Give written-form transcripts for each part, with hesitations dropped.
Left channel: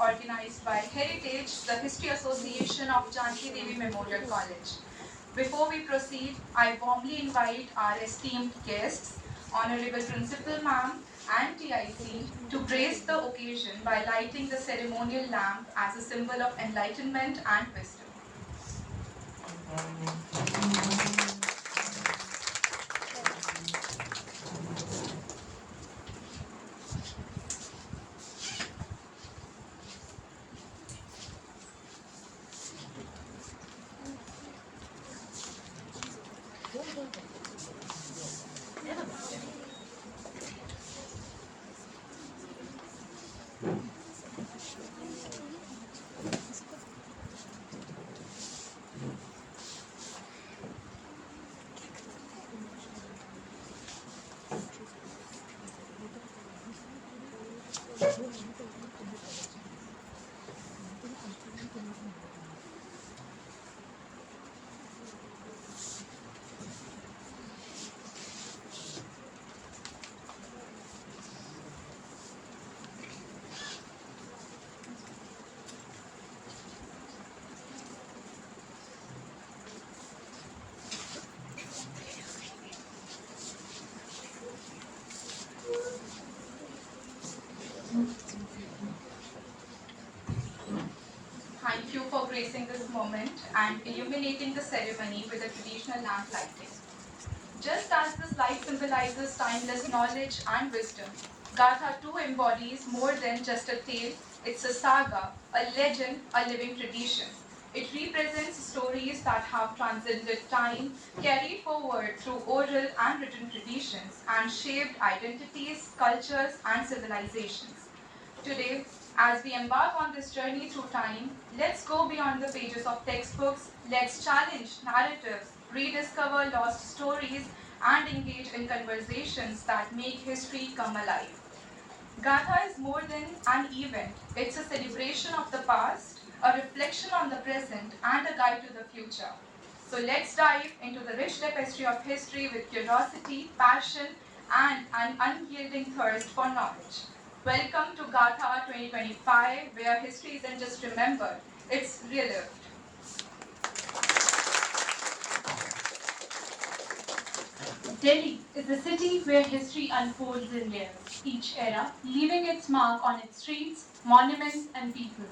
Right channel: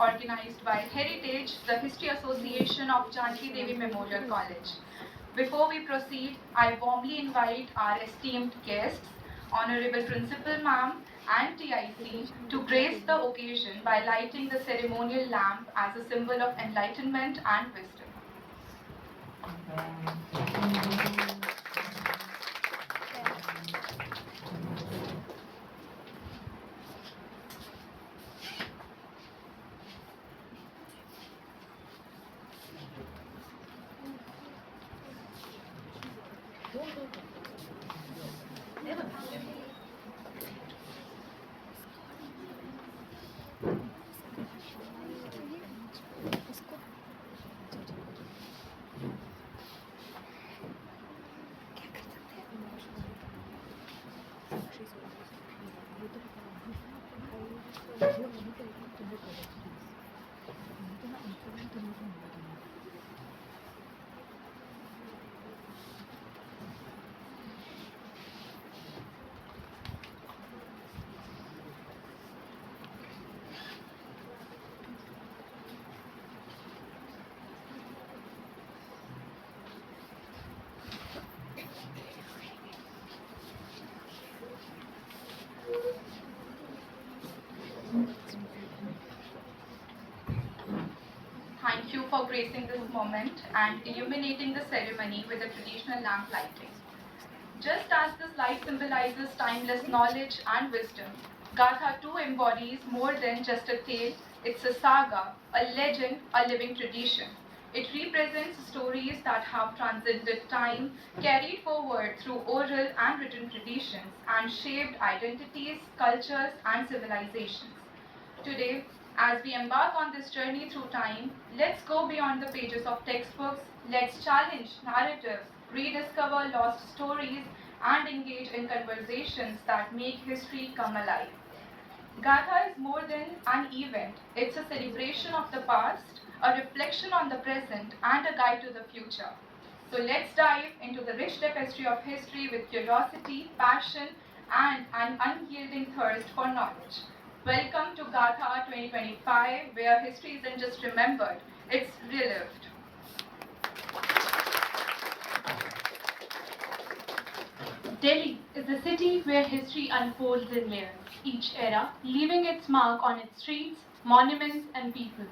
organized by Heritage, the History Association of Janki Devi Memorial College. Before we proceed, I warmly invite our esteemed guests, Honorable Principal Ma'am and TIC, to grace the occasion by lighting the ceremonial lamp as a symbol of enlightenment and wisdom. Thank you for gracing this moment and illuminating the ceremony with a traditional lamp lighting. Just as this light symbolizes timeless knowledge and wisdom, Gatha too embodies more than just a tale. It's a saga, a legend, a living tradition. It represents stories that have transcended time, carried forward through oral and written traditions, and shaped identities, cultures, and civilizations. Today, as we embark on this journey through time, let's go beyond the pages of textbooks, let's challenge narratives, rediscover lost stories, and engage in conversations that make history come alive. Gatha is more than an event, it's a celebration of the past, a reflection on the present, and a guide to the future. So let's dive into the rich tapestry of history with curiosity, passion, and an unyielding thirst for knowledge. Welcome to Gatha 2025, where history isn't just remembered, it's relived. Delhi is the city where history unfolds in layers, each era leaving its mark on its streets, monuments, and people.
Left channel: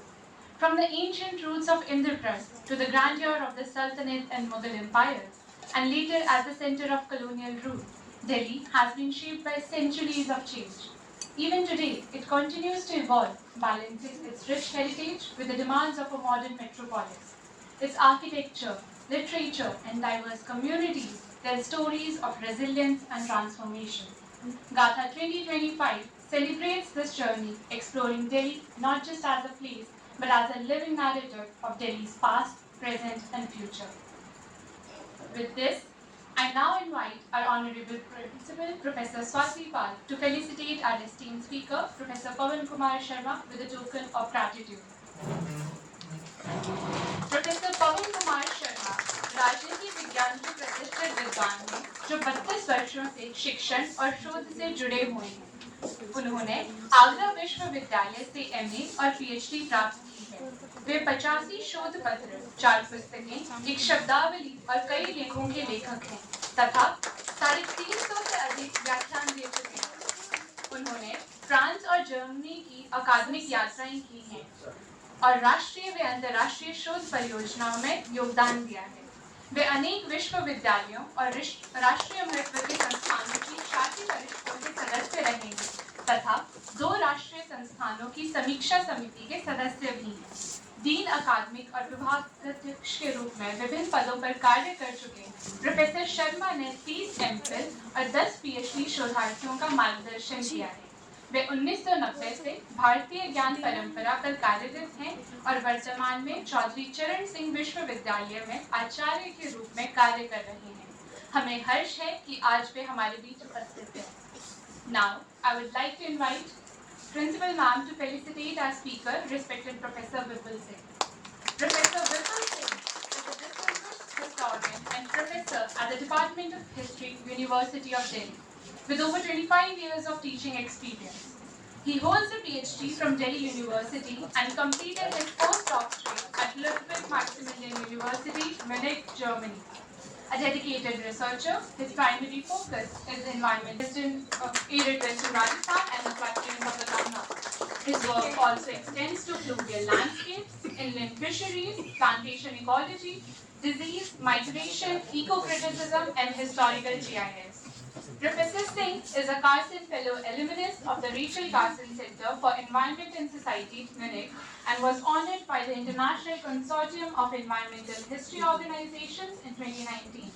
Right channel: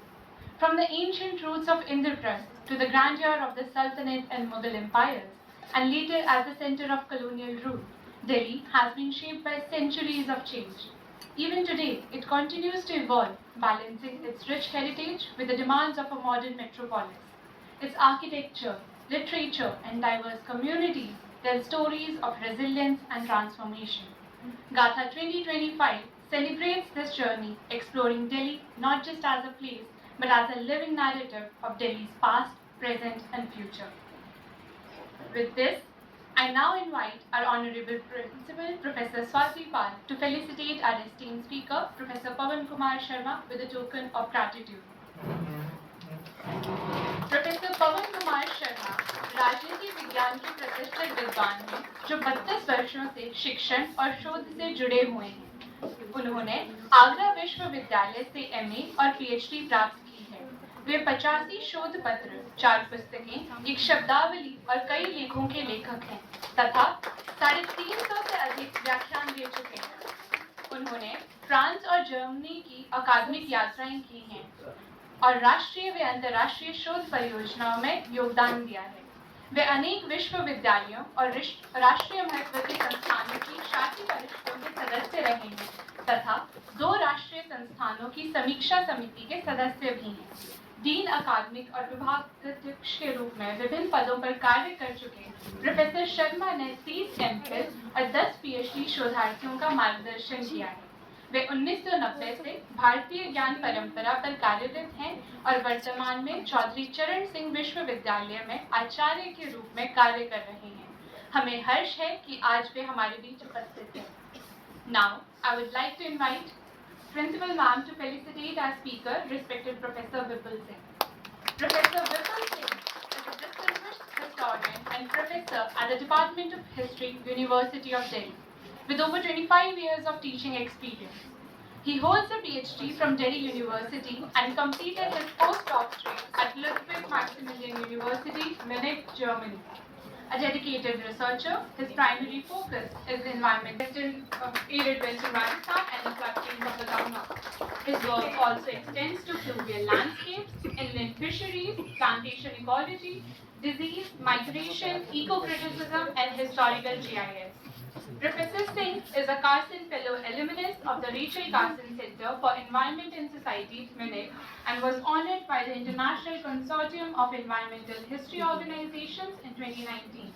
From the ancient roots of Indraprasth to the grandeur of the Sultanate and Mughal empires, and later as the center of colonial rule, Delhi has been shaped by centuries of change. Even today, it continues to evolve, balancing its rich heritage with the demands of a modern metropolis. Its architecture, literature, and diverse communities tell stories of resilience and transformation. Gatha 2025 celebrates this journey, exploring Delhi not just as a place, but as a living narrative of Delhi's past, present, and future. With this, I now invite our Honorable Principal, Professor Swati Pal, to felicitate our esteemed speaker, Professor Pawan Kumar Sharma, with a token of gratitude. Professor Pawan Kumar Sharma राजनीति विज्ञान के प्रतिष्ठित विद्वान हैं जो 32 वर्षों से शिक्षण और शोध से जुड़े हुए हैं। उन्होंने आगरा विश्वविद्यालय से एमए और पीएचडी प्राप्त की है। वे 85 शोध पत्र, 4 पुस्तकें, एक शब्दावली और कई लेखों के लेखक हैं तथा 350 से अधिक व्याख्यान दे चुके हैं। उन्होंने फ्रांस और जर्मनी की अकादमिक यात्राएं की हैं और राष्ट्रीय व अंतर्राष्ट्रीय शोध परियोजनाओं में योगदान दिया है। वे अनेक विश्वविद्यालयों और राष्ट्रीय महत्व के संस्थानों की शासी परिषदों के सदस्य रहे हैं तथा 2 राष्ट्रीय संस्थानों की समीक्षा समिति के सदस्य भी हैं। डीन अकादमिक और विभागाध्यक्ष के रूप में विभिन्न पदों पर कार्य कर चुके प्रोफेसर शर्मा ने 30 एमफिल और 10 पीएचडी शोधार्थियों का मार्गदर्शन किया है। वे 1990 से भारतीय ज्ञान परंपरा पर कार्यरत हैं और वर्तमान में चौधरी चरण सिंह विश्वविद्यालय में आचार्य के रूप में कार्य कर रहे हैं। हमें हर्ष है कि आज वे हमारे बीच उपस्थित हैं। Now, I would like to invite Principal Ma'am to felicitate our speaker, respected Professor Vipul Singh. Professor Vipul Singh is a distinguished historian and professor at the Department of History, University of Delhi, with over 25 years of teaching experience. He holds a PhD from Delhi University and completed his postdoctorate at Ludwig Maximilian University, Munich, Germany. A dedicated researcher, his primary focus is the environment arid western Rajasthan and the plains of the Ganga. His work also extends to fluvial landscapes, inland fisheries, plantation ecology, disease, migration, eco-criticism, and historical GIS. Professor Singh is a Carson Fellow alumnus of the Rachel Carson Center for Environment and Society, Munich, and was honored by the International Consortium of Environmental History Organizations in 2019.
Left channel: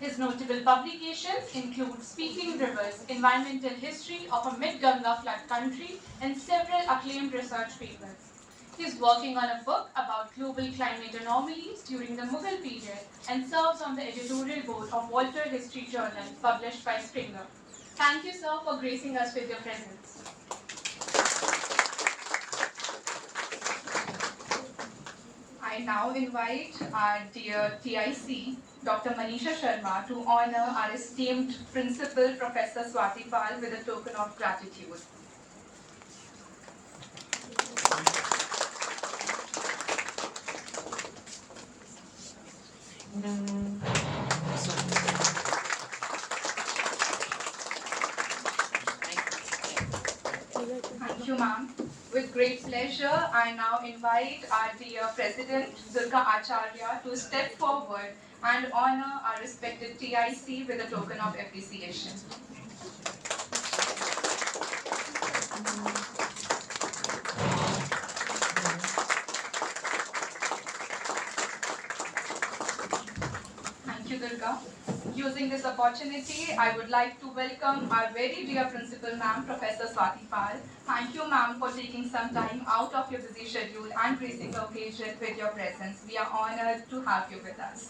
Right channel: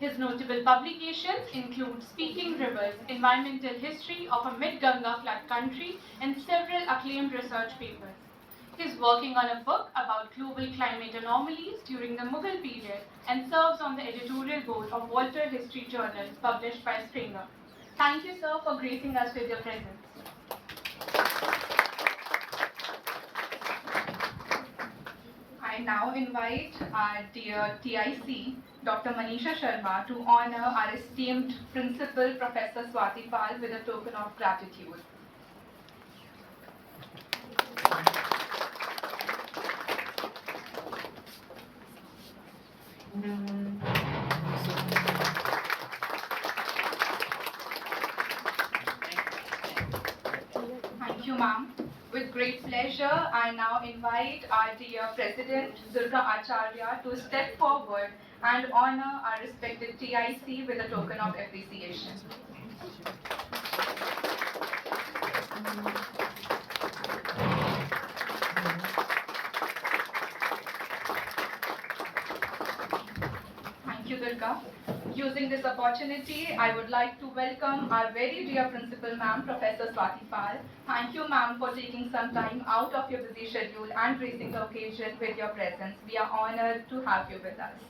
His notable publications include Speaking Rivers, Environmental History of a Mid-Ganga Flood Country, and several acclaimed research papers. He is working on a book about global climate anomalies during the Mughal period and serves on the editorial board of Walter History Journal, published by Springer. Thank you, sir, for gracing us with your presence. I now invite our dear TIC, Dr. Manisha Sharma, to honor our esteemed Principal, Professor Swati Pal, with a token of gratitude. Thank you, ma'am. With great pleasure, I now invite our dear President, Durga Acharya, to step forward and honor our respected TIC with a token of appreciation. Thank you, Durga. Using this opportunity, I would like to welcome our very dear Principal, ma'am, Professor Swati Pal. Thank you, ma'am, for taking some time out of your busy schedule and gracing the occasion with your presence. We are honored to have you with us.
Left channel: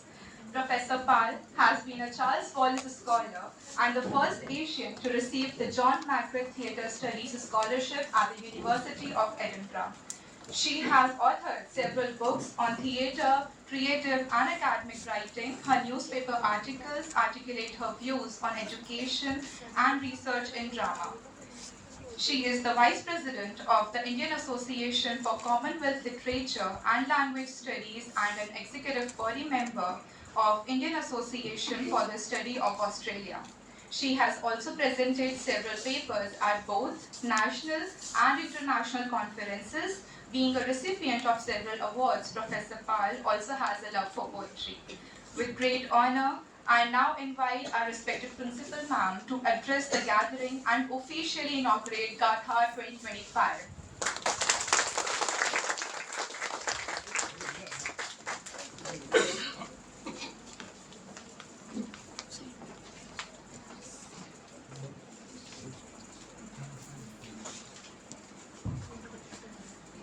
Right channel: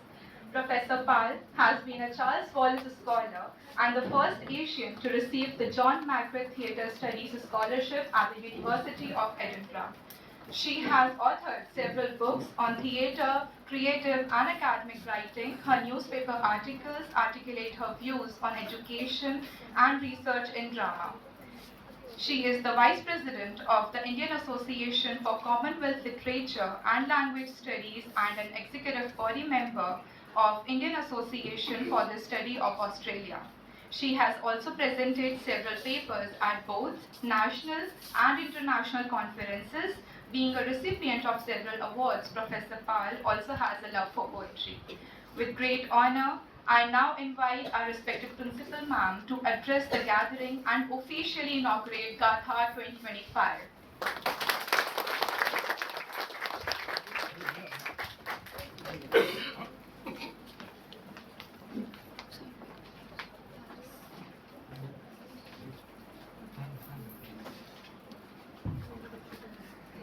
Professor Pal has been a Charles Wallace Scholar and the first Asian to receive the John Mackworth Theatre Studies Scholarship at the University of Edinburgh. She has authored several books on theatre, creative and academic writing. Her newspaper articles articulate her views on education and research in drama. She is the Vice President of the Indian Association for Commonwealth Literature and Language Studies and an Executive Body Member of Indian Association for the Study of Australia. She has also presented several papers at both national and international conferences. Being a recipient of several awards, Professor Pal also has a love for poetry. With great honor, I now invite our respected Principal, ma'am, to address the gathering and officially inaugurate Gatha 2025.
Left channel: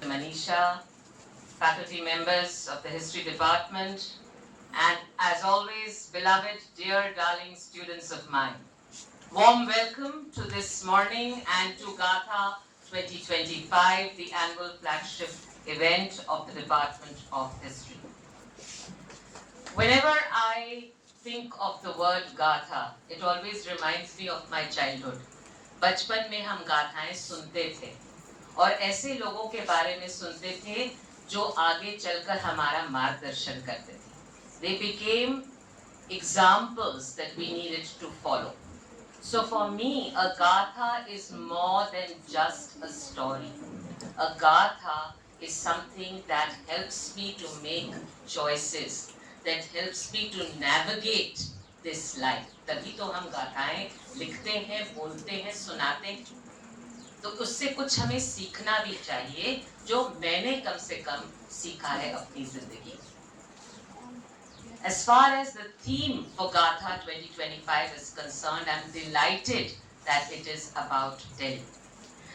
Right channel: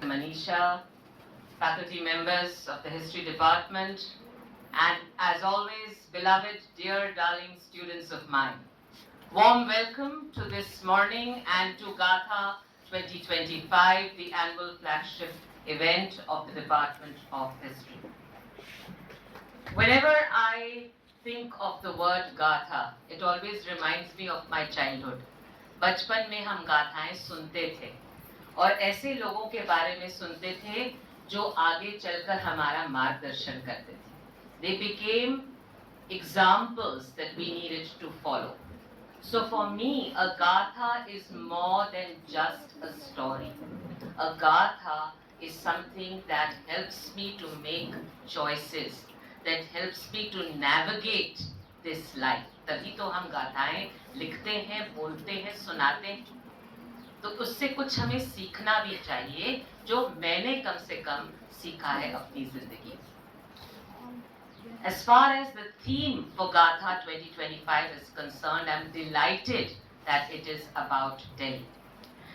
Manisha, faculty members of the History Department, and as always, beloved, dear, darling students of mine. Warm welcome to this morning and to Gatha 2025, the annual flagship event of the Department of History. Whenever I think of the word Gatha, it always reminds me of my childhood. बचपन में हम गाथाएं सुनते थे और ऐसे लोगों के बारे में सुनते थे जो आगे चलकर हमारा मार्गदर्शन करते थे. They became examples that we needed to follow. So for me, a gatha is more than just a story. A gatha is something that helps me to make choices, that helps me to navigate this life. तभी तो हम गाथाएं लिखते हैं, बोलते हैं, सुनाते हैं. तो उससे कुछ हमें सीखना भी चाहिए जो मैंने कम से कम सीखा है अपनी जिंदगी. As far as the theme for Gatha 2025 is concerned, I'm delighted that it is about Delhi.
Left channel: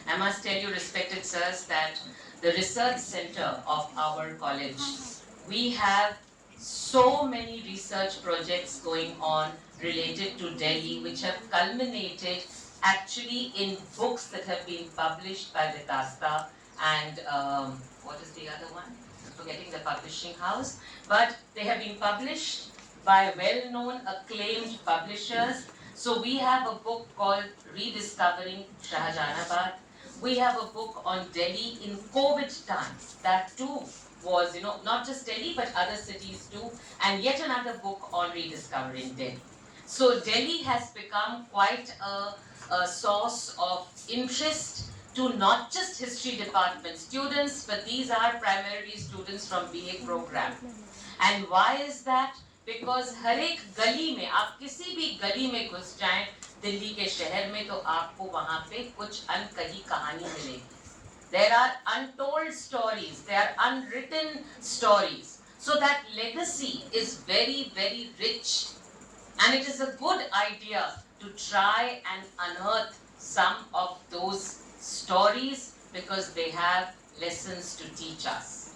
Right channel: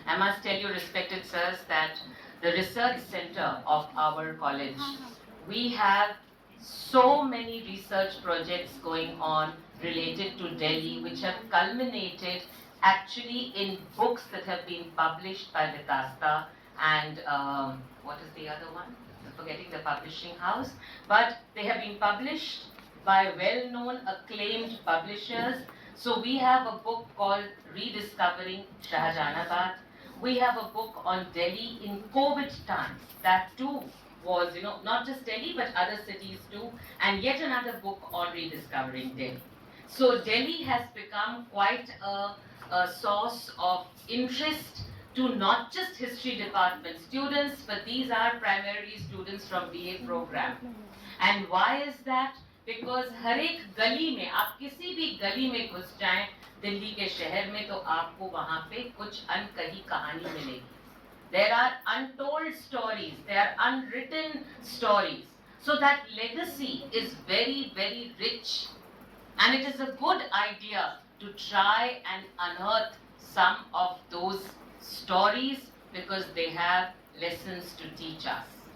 I must tell you, respected sirs, that the research center of our college, we have so many research projects going on related to Delhi, which have culminated actually in books that have been published by the Dasta and what is the other one? I'm forgetting the publishing house. But they have been published by well-known, acclaimed publishers. So we have a book called Rediscovering Shahjahanabad. we have a book on Delhi in COVID times. That too was, not just Delhi but other cities too, and yet another book on rediscovering Delhi. So Delhi has become quite a source of interest to not just history department students, but these are primarily students from BA program. And why is that? Because हर एक गली में, आप किसी भी गली में घुस जाएं दिल्ली के शहर में, तो आपको वहां पे कुछ अनकही कहानी मिलेगी. There are untold stories, there are unwritten stories. So that legacy is very, very rich. And it is a good idea to try and unearth some of those stories because they have lessons to teach us.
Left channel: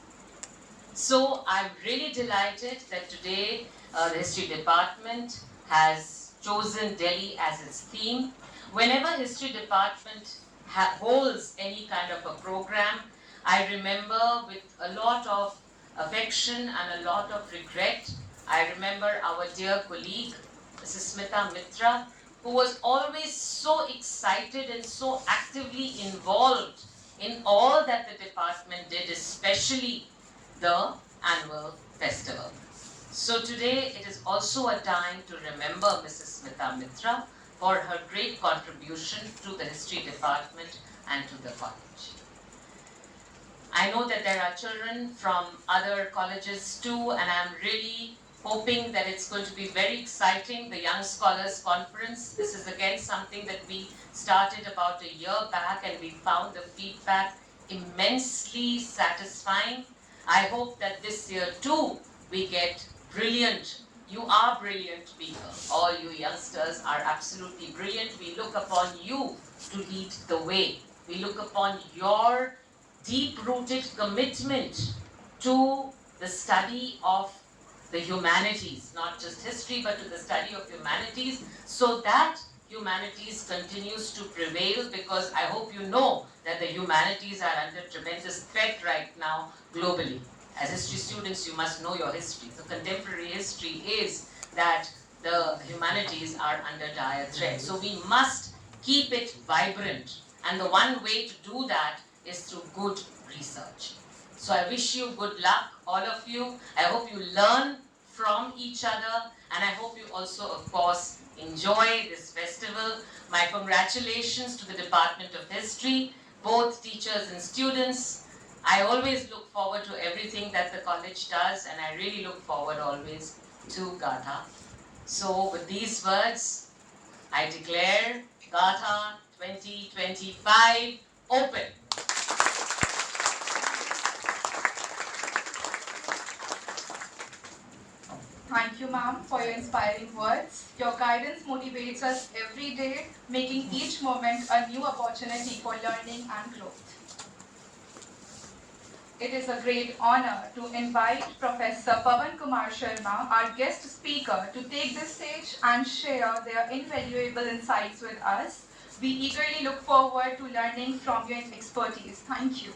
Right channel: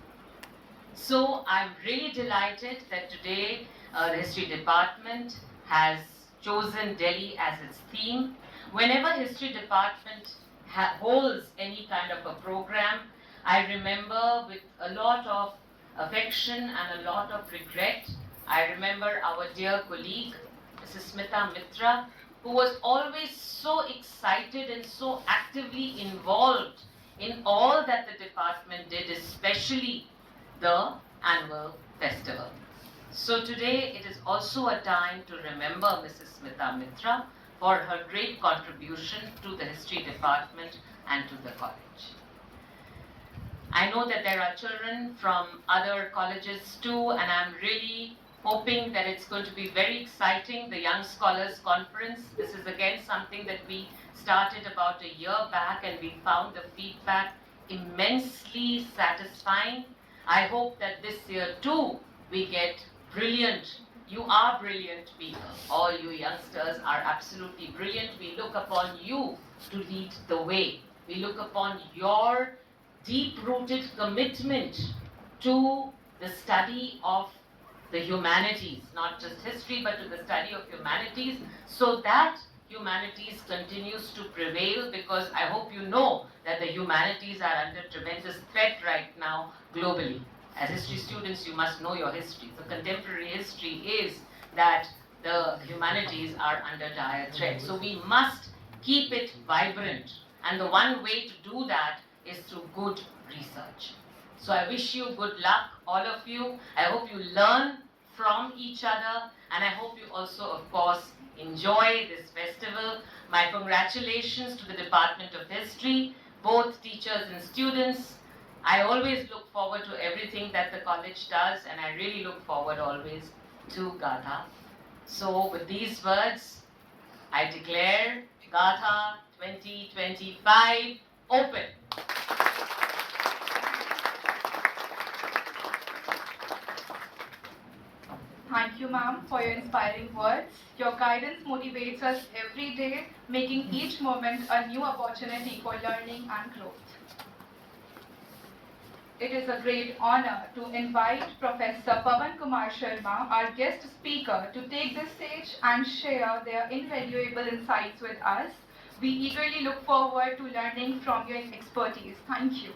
So I'm really delighted that today the history department has chosen Delhi as its theme. Whenever history department holds any kind of a program, I remember with a lot of affection and a lot of regret, I remember our dear colleague, Mrs. Smita Mitra, who was always so excited and so actively involved in all that the department did, especially the annual festival. So today it is also a time to remember Mrs. Smita Mitra for her great contribution to the history department and to the college. I know that there are children from other colleges too, and I'm really hoping that it's going to be very exciting, the Young Scholars Conference. This is again something that we started about a year back, and we found the feedback immensely satisfying. I hope that this year too we get brilliant. You are brilliant people. All you youngsters are absolutely brilliant. We look upon you to lead the way. We look upon your deep-rooted commitment to the study of the humanities, not just history, but to the study of humanities, so that humanities continues to prevail, because I hope you know that the humanities are under tremendous threat right now globally. As history students, you must know your history. So contemporary history is that the humanities are under dire threat. So we must keep it vibrant. And the one way to do that is through good research. So I wish you good luck, all of you. I hope you learn from each other, and I hope you also, of course, enjoy this festival. My congratulations to the Department of History, both teachers and students. I always look forward to everything that the college does, and I really look forward always to Gatha. So with these words, I declare Gatha 2025 open. Thank you, ma'am, for your inspiring words. Your guidance motivates us every day, making each moment a new opportunity for learning and growth. It is a great honor to invite Professor Pawan Kumar Sharma, our guest speaker, to take the stage and share their invaluable insights with us. We eagerly look forward to learning from your expertise. Thank you.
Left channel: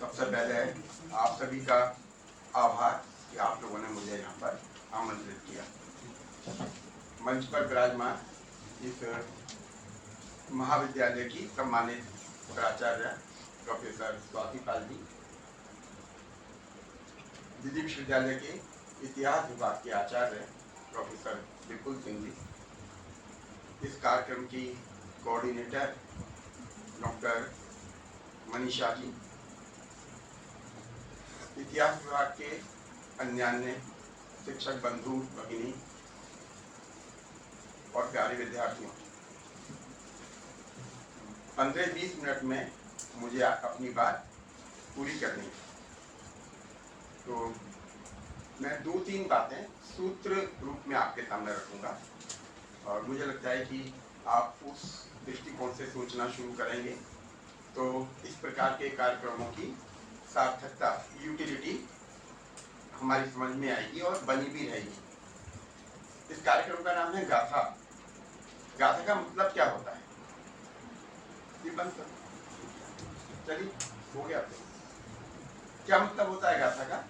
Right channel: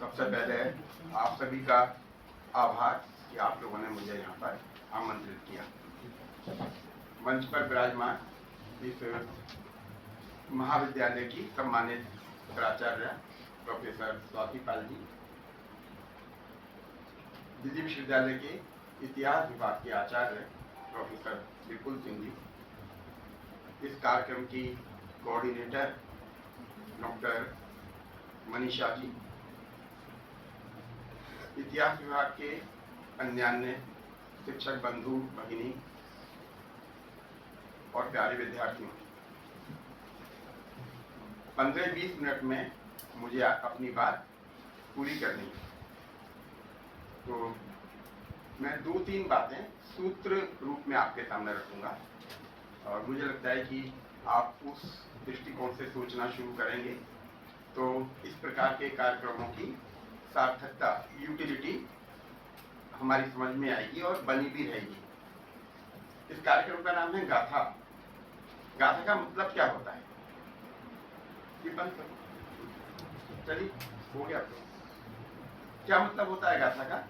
सबसे पहले आप सभी का आभार कि आप लोगों ने मुझे यहाँ पर आमंत्रित किया। मंच पर विराजमान इस महाविद्यालय की सम्मानित प्राचार्य प्रोफेसर स्वाति पाल जी, दिल्ली विश्वविद्यालय के इतिहास विभाग के आचार्य प्रोफेसर विपुल सिंह जी, इस कार्यक्रम की कोऑर्डिनेटर डॉक्टर मनीषा जी, इतिहास विभाग के अन्य शिक्षक बंधु भगिनी और प्यारे विद्यार्थियों, 15-20 मिनट में मुझे अपनी बात पूरी करनी है, तो मैं 2-3 बातें सूत्र रूप में आपके सामने रखूंगा और मुझे लगता है कि आप उस दृष्टिकोण से सोचना शुरू करेंगे तो इस प्रकार के कार्यक्रमों की सार्थकता, यूटिलिटी हमारी समझ में आएगी और बनी भी रहेगी। इस कार्यक्रम का नाम है गाथा। गाथा का मतलब क्या होता है? ये बंद करो, चलिए हो गया। तो क्या मतलब होता है गाथा का?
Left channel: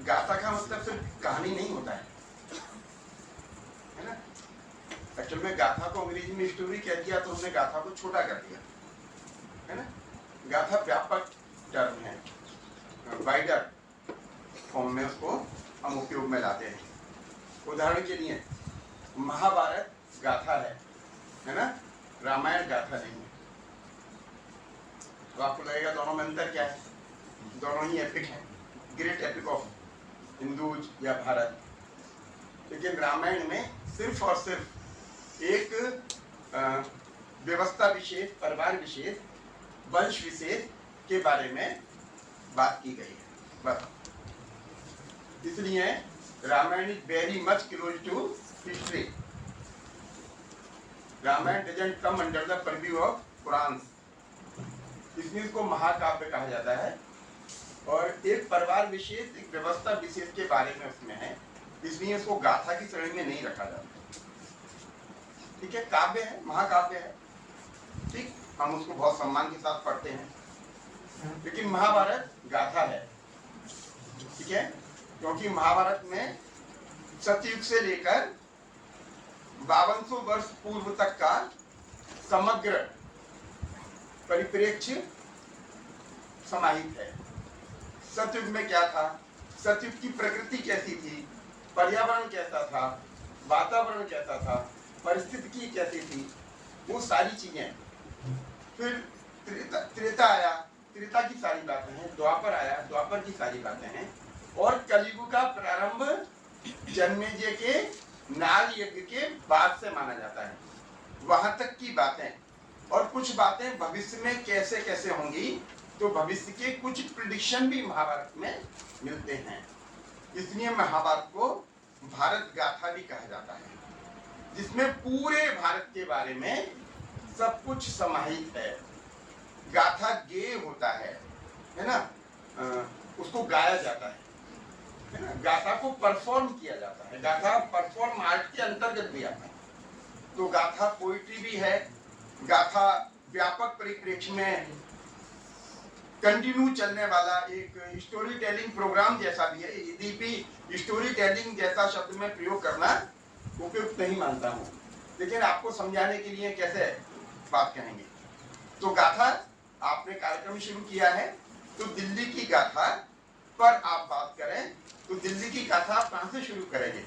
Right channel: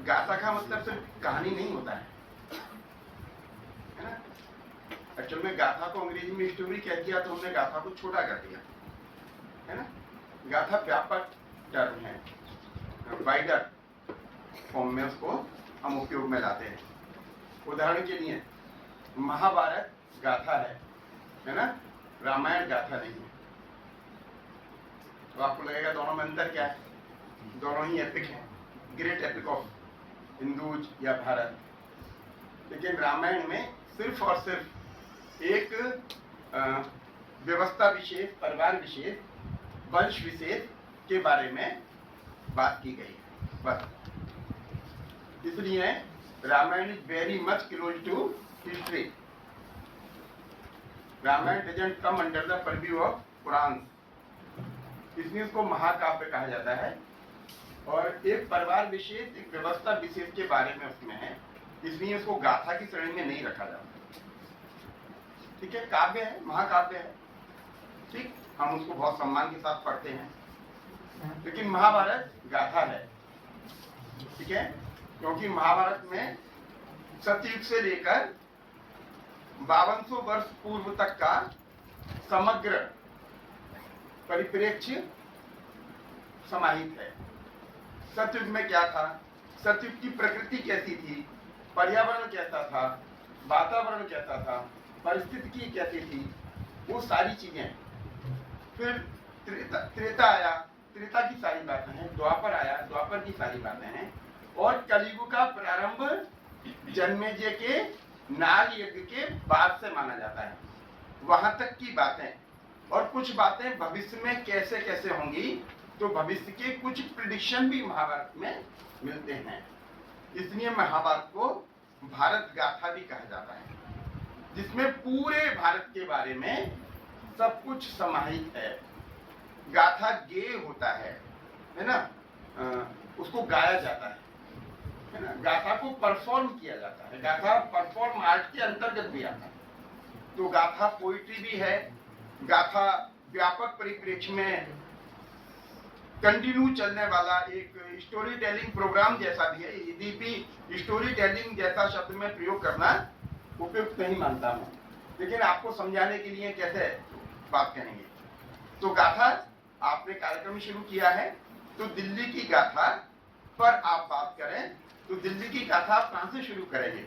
गाथा का मतलब सिर्फ कहानी नहीं होता है ना। एक्चुअल में गाथा को अंग्रेजी में स्टोरी कह दिया तो हमने गाथा को छोटा कर दिया, है ना। गाथा व्यापक टर्म है, वाइडर फॉर्म में उसको हम उपयोग में लाते हैं। उदाहरण के लिए महाभारत गाथा है ना, रामायण गाथा नहीं है। तो आपको लगेगा दोनों में अंतर क्या है? दोनों ही एपिक हैं, ग्रेट एपिक ऑफ हिंदूज या भारत। लेकिन रामायण में सिर्फ और सिर्फ एक व्यवस्था विशेष, परिवार विशेष, वंश विशेष के बारे में बात की गई है, बस। इसलिए Ramayana is very much close to history. Ramayana doesn't come under the purview of Quran, इसलिए उसको महाकाव्य कहा जाता है। और एक परिवार विशेष, एक व्यवस्था विशेष के बारे में उसमें है, इसलिए उसको गाथा की श्रेणी में नहीं रखा जाता। ठीक है, काव्य है, महाकाव्य है, ठीक, हम उसको बहुत सम्मान के साथ पढ़ते हैं। लेकिन महाभारत गाथा है, ठीक है, क्योंकि महाभारत में सतयुग से लेकर 5200 वर्ष पूर्व तक का समग्र परिप्रेक्ष्य समाहित है। सतयुग में क्या था, सतयुग की प्रकृति कैसी थी, पर्यावरण कैसा था, वातावरण कैसा था, परिस्थिति कैसी थी, वो सारी चीजें। फिर त्रेता आया, त्रेता की सारी बातें हैं। द्वापर आया, द्वापर की सारी बातें हैं। और कलियुग का प्रारंभ जन्मेजय के नाग यज्ञ के बाद से माना जाता है, वहां तक की बातें। और कुछ बातें भविष्य में कैसे कैसे होंगी, तो भविष्य के कुछ प्रिडिक्शन भी महाभारत में मिलते हैं। इसलिए महाभारत को भारत गाथा भी कहा जाता है, जिसमें पूरे भारत के बारे में सब कुछ समाहित है। गाथा गेय होता है ना, उसको गाया जाता है ना। गाथा को परफॉर्म किया जाता है, गाथा परफॉर्म आर्ट के अंतर्गत भी आता है। तो गाथा पोइट्री भी है। गाथा व्यापक परिप्रेक्ष्य में कंटिन्यू चलने वाला एक स्टोरी टेलिंग प्रोग्राम जैसा भी है। यदि स्टोरी टेलिंग जैसा शब्द में प्रयोग करना उपयुक्त नहीं मानता हूँ, लेकिन आपको समझाने के लिए कैसे बात करेंगे। तो गाथा आपने कार्यक्रम शुरू किया है, तो दिल्ली की गाथा पर आप बात करें, तो दिल्ली की गाथा आप कहाँ से शुरू करेंगे?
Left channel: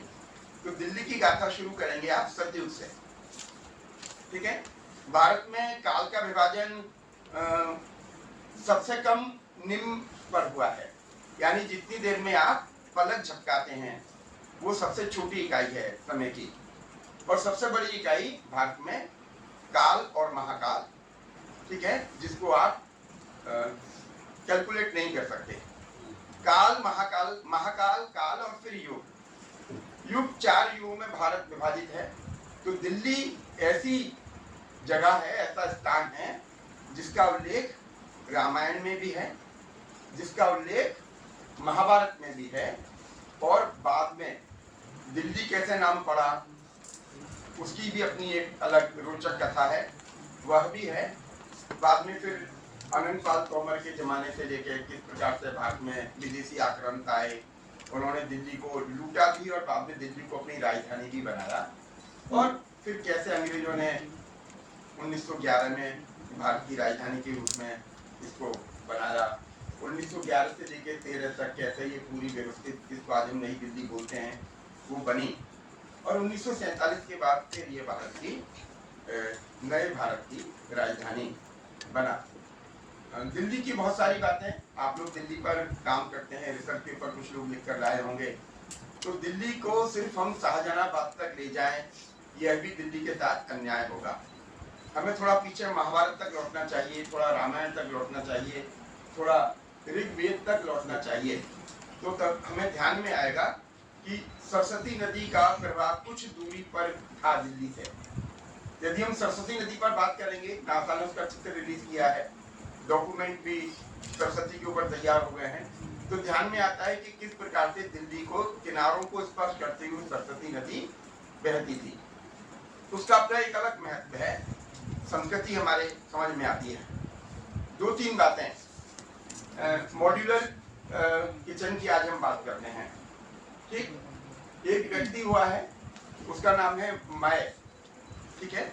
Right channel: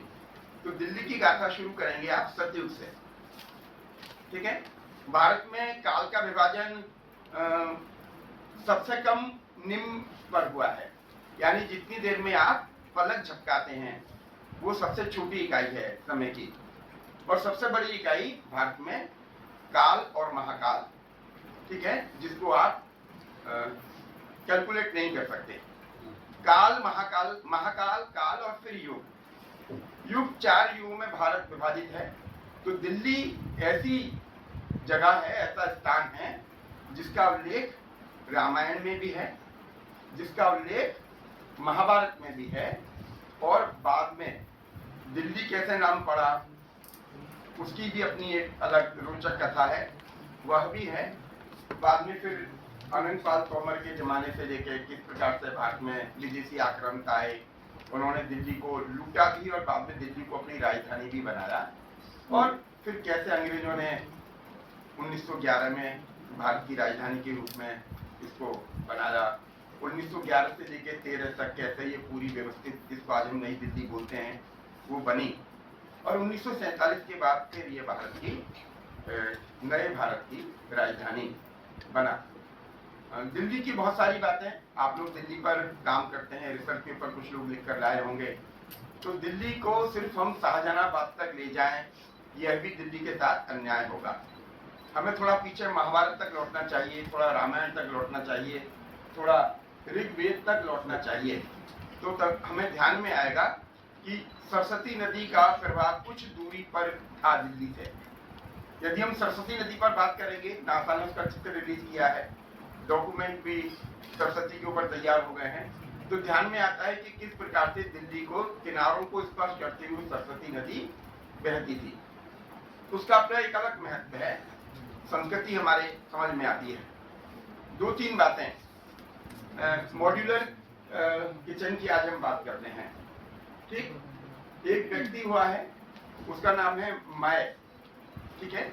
तो दिल्ली की गाथा शुरू करेंगे आप सतयुग से, ठीक है। भारत में काल का विभाजन सबसे कम निम्न पर हुआ है, यानी जितनी देर में आप पलक झपकाते हैं वो सबसे छोटी इकाई है समय की। और सबसे बड़ी इकाई भारत में काल और महाकाल, ठीक है, जिसको आप कैलकुलेट नहीं कर सकते। काल, महाकाल, महाकाल, काल और फिर युग। युग 4 युगों में भारत विभाजित है। तो दिल्ली ऐसी जगह है, ऐसा स्थान है जिसका उल्लेख रामायण में भी है, जिसका उल्लेख महाभारत में भी है। और बाद में दिल्ली कैसे नाम पड़ा उसकी भी अपनी एक अलग रोचक कथा है, वह भी है। बाद में फिर अनंत पाल तोमर के जमाने से लेकर किस प्रकार से भारत में विदेशी आक्रांत आए, उन्होंने दिल्ली को लूटा भी और बाद में दिल्ली को अपनी राजधानी भी बनाया। और फिर कैसे अंग्रेजों ने 1911 में भारत की राजधानी के रूप में इसको बनाया। 1911 से लेकर 13 तक कैसे ये पूरी व्यवस्थित, जिसको आज हम नई दिल्ली बोलते हैं, वो बनी। और 1947 के बाद फिर ये भारत की नए भारत की राजधानी बना। दिल्ली की बहुत सारी बातें, आप लोग दिल्ली पर काम करते हैं, रिसर्च पेपर कुछ लोग लिख कर लाए होंगे। तो दिल्ली को सिर्फ हम शाहजहानाबाद तक ले जाएं, यह भी दिल्ली के साथ अन्याय होगा। हमें थोड़ा पीछे महाभारत तक लौटना चाहिए, थोड़ा रामायण तक लौटना चाहिए, थोड़ा ऋग्वेद तक लौटना चाहिए। तो तब हमें ध्यान में आएगा कि सरस्वती नदी का प्रवाह कुछ दूरी पर था दिल्ली से। यदि हम सरस्वती नदी पर बात करेंगे, नासा ने उसका चित्र रिलीज किया है, डॉक्यूमेंट भी सरस्वती के ऊपर तैयार हो गए हैं, तो ध्यान में आता है कि किस प्रकार से दिल्ली को किनारों को स्पर्श करते हुए सरस्वती नदी बहती थी। उसका अपना एक अलग महत्व है, संस्कृति हमारे समझ में आती है। दो तीन बातें मॉड्यूलर किचन की आज हम बात करते हैं। ठीक, एक व्यक्ति हुआ है, उसका नाम है माय, ठीक है।